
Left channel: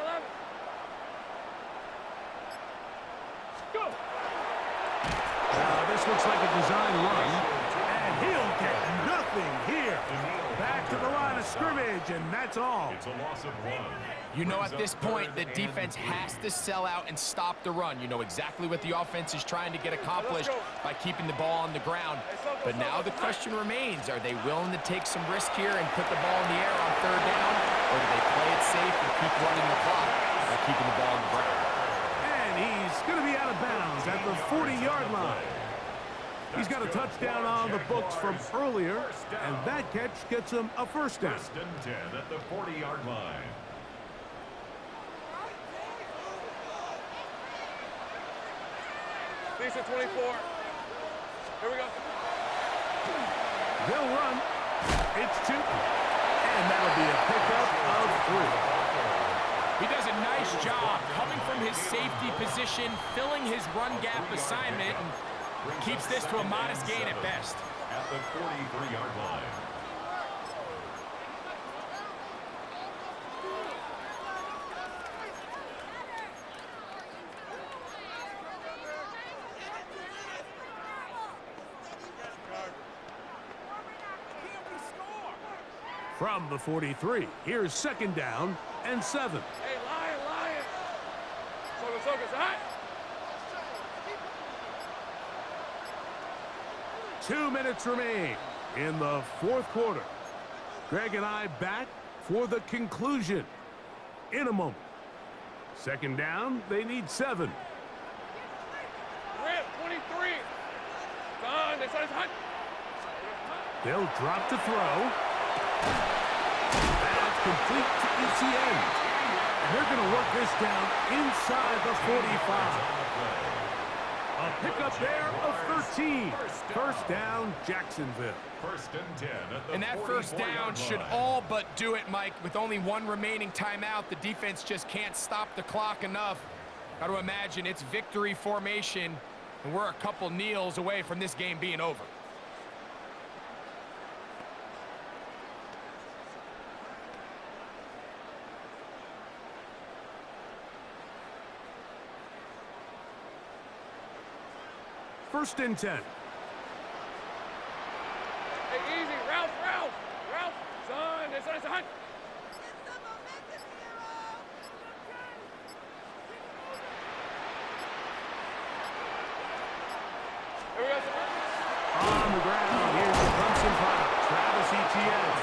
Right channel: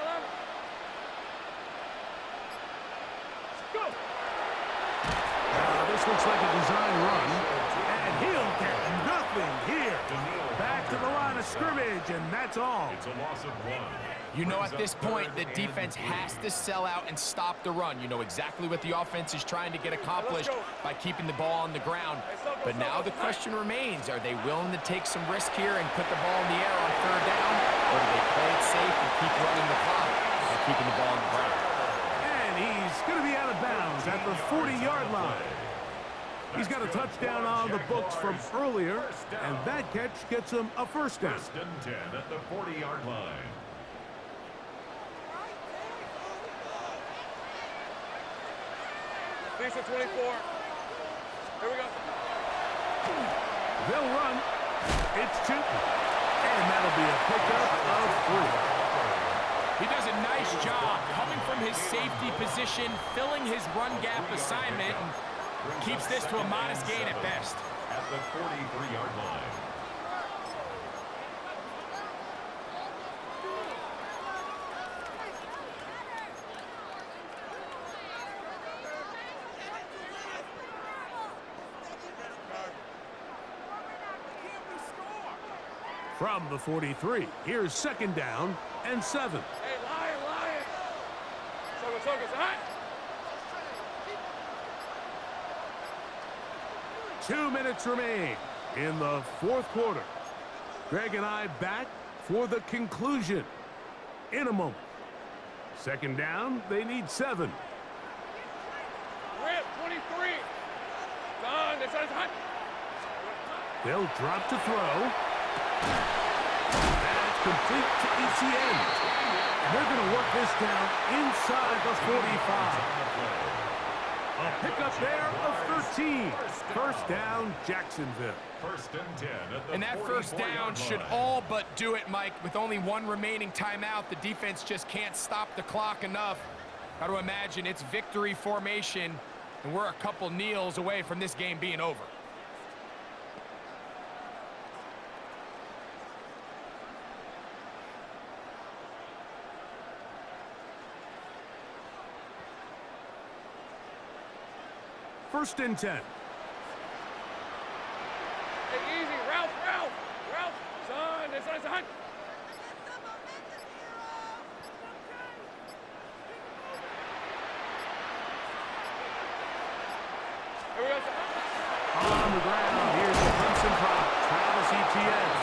Go. Now this looks like a design run, and he'll get nothing here. Back to the line of scrimmage, and that's all. It's a loss of 1. You know, at this point, the defense has to sell out and stop the run. You know exactly what the offense is trying to get accomplished by keeping the ball on the ground. But now the question remains, are they willing to take some risk here and put the ball in the air on third down? Or do they play it safe and keep running the clock by keeping the ball on the ground? And he's going to be out of bounds at the 40-yard line. He's got a touchdown on the books from earlier, and that catch gets him a first down. First and 10 at the 40-yard line. Lisa 24. Here we go. They'll run. It's 2. And that'll be a pickup of 3. He does a nice job coming from his safety position, filling his run gap assignment, and keeps this to a modest gain at best. At the 43-yard line. From the 43, here's 2nd down and 7. Hey, Lion. Focus, hot. 2 minutes remain in the 4th quarter. Greg and I back for the conclusion in a moment. 2nd down, they need 7. Rip, 23. Son, they said it's hot. They'll drop to throw. That's complete to ETN. And they're going to work this down inside the 45. A pickup there of 13. 1st down, Jacksonville. 1st and 10 at the And that 1st down should all but do it, Mike. With only 1 remaining timeout, the defense just can't stop the clock enough. Got to imagine it's victory formation, and we're a couple kneels away from this game being over. First and 10. Hey, easy, Ralph. Son, they said it's hot. Here we go, On the ground, here's the Clemson product, Travis Etienne.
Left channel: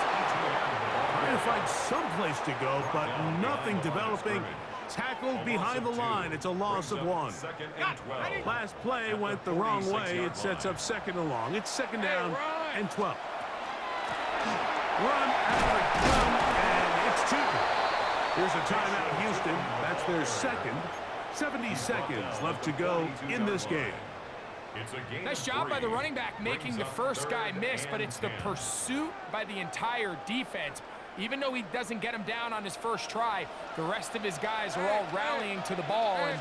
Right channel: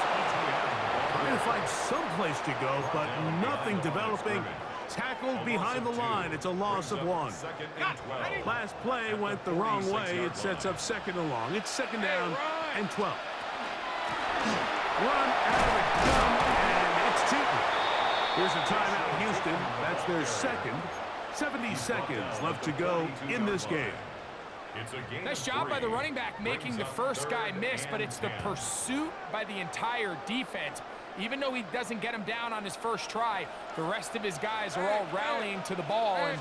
Trying to find some place to go, but nothing developing. Tackled behind the line. It's a loss of 1. 2nd and 12. Last play went the wrong way. It sets up 2nd and long. It's 2nd down and 12. Run out of the gun, and it's 2. Here's a timeout, Houston. That's their 2nd. 70 seconds left to go in this game. It's a gain Nice of job by the 3. running back making the first guy miss, but it's the pursuit by the entire defense. Even though he doesn't get him down on his first try, the rest of his guys are all rallying to the ball, and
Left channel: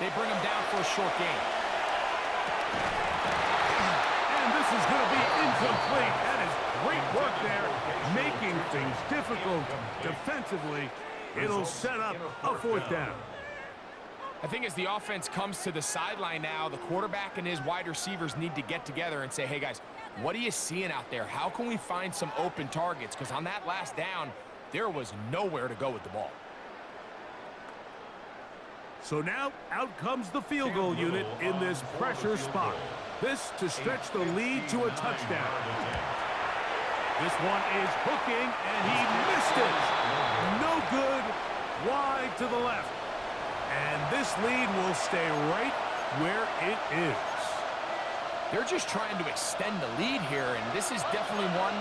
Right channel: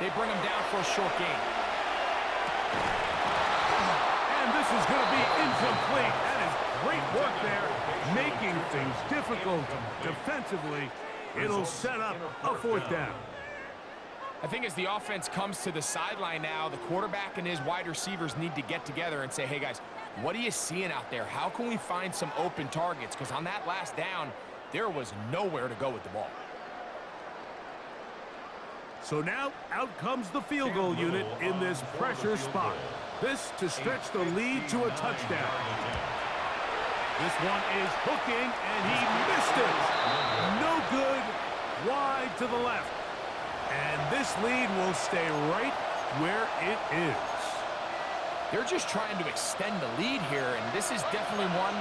they bring him down for a short gain. And this is going to be incomplete. That is great work there, making things difficult defensively. It'll set up a 4th down. I think as the offense comes to the sideline now, the quarterback and his wide receivers need to get together and say, hey, guys, what are you seeing out there? How can we find some open targets? Because on that last down, there was nowhere to go with the ball. So now out comes the field goal unit in this pressure spot. This to stretch the lead to a touchdown. This one is hooking, and he missed it. No good, wide to the left. And this lead will stay right where it is. They're just trying to extend the lead here, and this is definitely one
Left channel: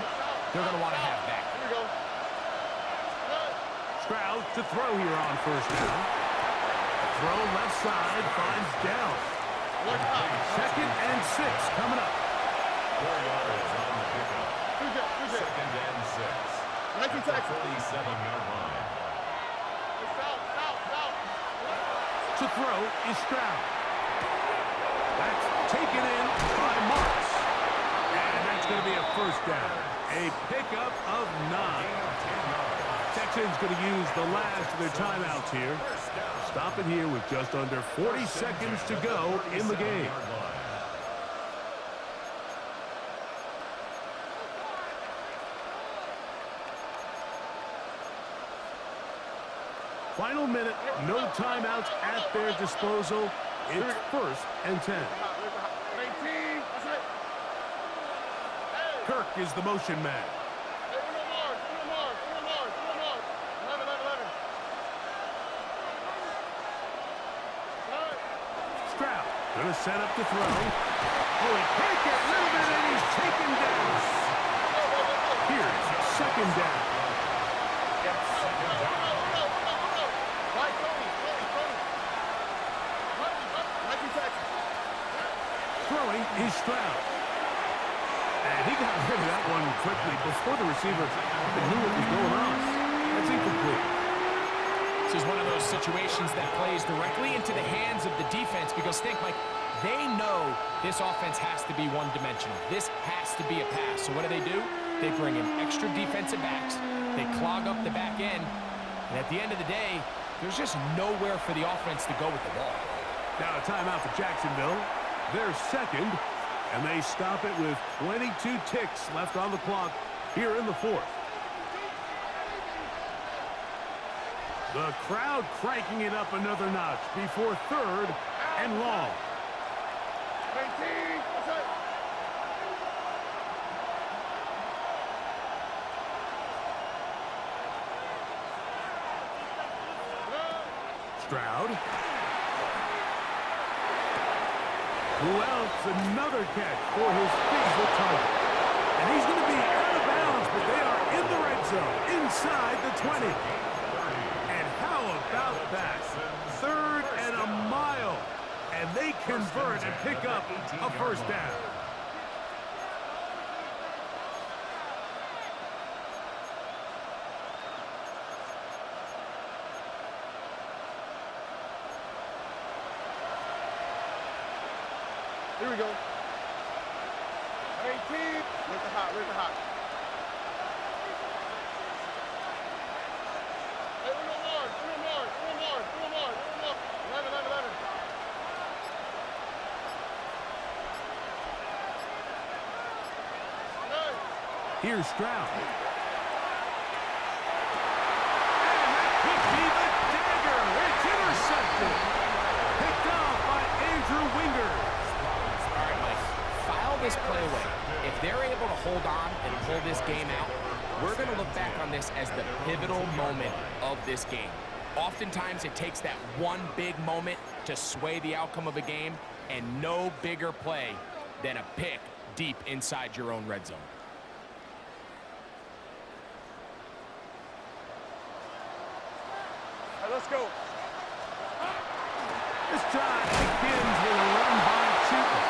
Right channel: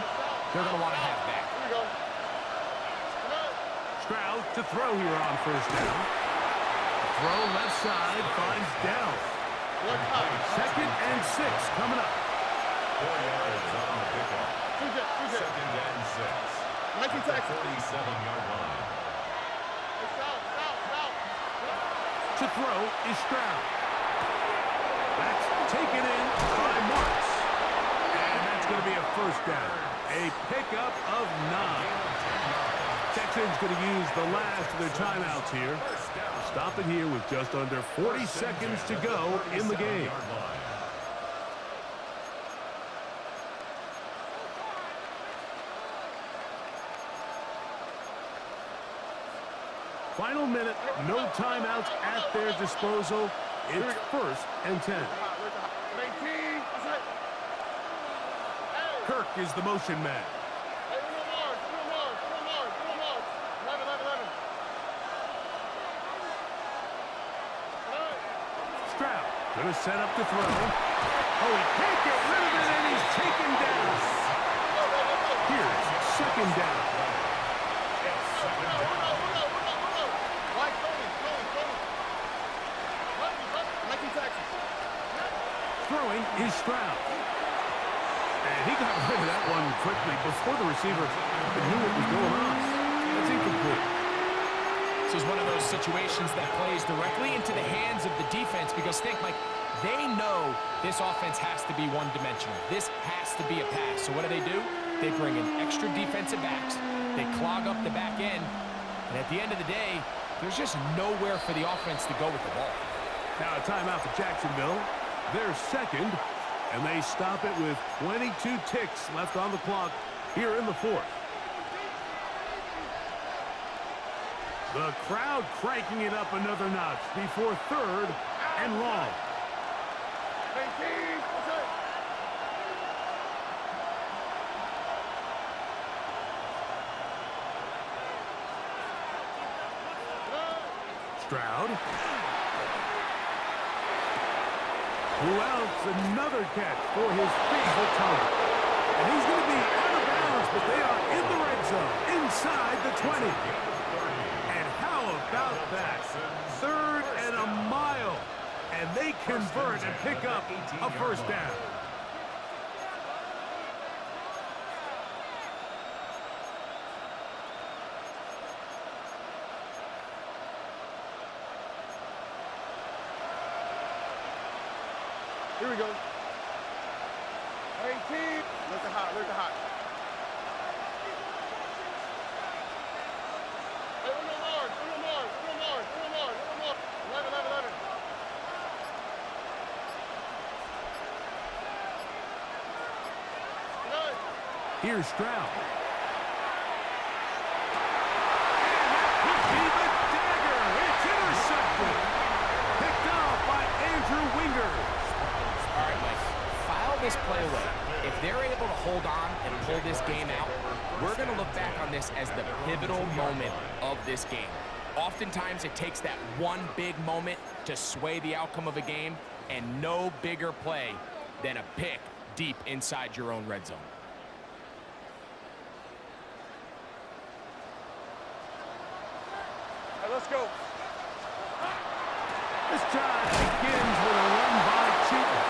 they're going to want to have back. Here we go. Stroud to throw here on 1st down. Throw left side finds Dell. 2nd and 6 coming up. 4 yards on the pickup. 2nd and 6. At the 47-yard line. To throw is Stroud. That's taken in by Marks. And that's going to be a 1st down. A pickup of 9. Texans going to use the last of their timeouts here. Stop it here with just under 40 seconds to go in the game. Final minute, no timeouts at their disposal. It's 1st and 10. Kirk is the motion man. Stroud gonna set up to throw. Oh, he can't get rid of it, and he's taken down. Here's 2nd down. Throwing is Stroud. And he got rid of that one quickly before the receiver even knew what was going on. That's incomplete. This is one of those situations that plays directly into the hands of the defense because think, Mike, they know this offense has to be one-dimensional. This has to be a pass. So what do? They bring in extra defensive backs. They clog up the back end. And at the end of the day, there's just nowhere for the offense to go with the ball. Now a timeout for Jacksonville. They're second, and they stop it with 22 ticks left on the clock here in the fourth. The crowd cranking it up another notch before third and long. 19, what's up? Stroud. Who else? Another catch for his favorite target. And he's going to be out of bounds, but they are in the red zone, inside the 20. And how about that? Third and a mile. And they convert and pick up a first down. Here we go. 18. Look the hot, look the hot. Hey, uno more. 11. Here's Stroud. And that could be the dagger. It's intercepted. Picked off by Andrew Winger. All right, Mike, file this play away. If they're able to hold on and pull this game out, we're going to look back on this as the pivotal moment of this game. Oftentimes, it takes that one big moment to sway the outcome of a game, and no bigger play than a pick deep inside your own red zone. All right, let's go. This drive begins with a run by Chuton.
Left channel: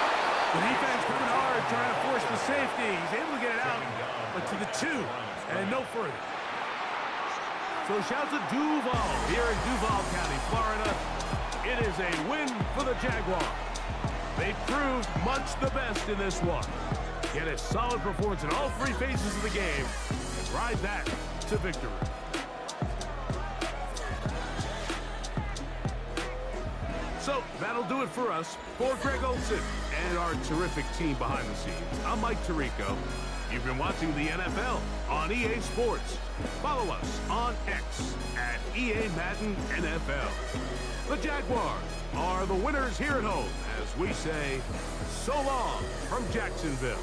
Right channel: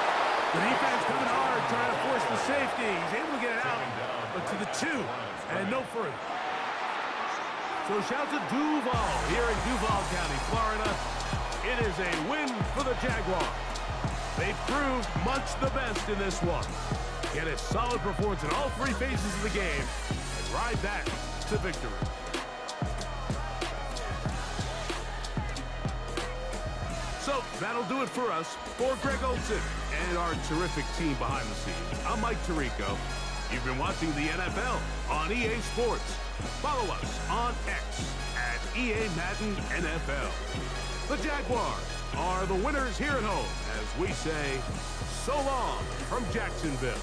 The defense coming hard, trying to force the safety. He's able to get it out, but to the 2 and no further. So shout to Duval here in Duval County, Florida. It is a win for the Jaguars. They proved much the best in this one. Get a solid performance in all three phases of the game and ride that to victory. So that'll do it for us. For Greg Olson and our terrific team behind the scenes, I'm Mike Tirico. You've been watching the NFL on EA Sports. Follow us on X at EA Madden NFL. The Jaguars are the winners here at home as we say so long from Jacksonville.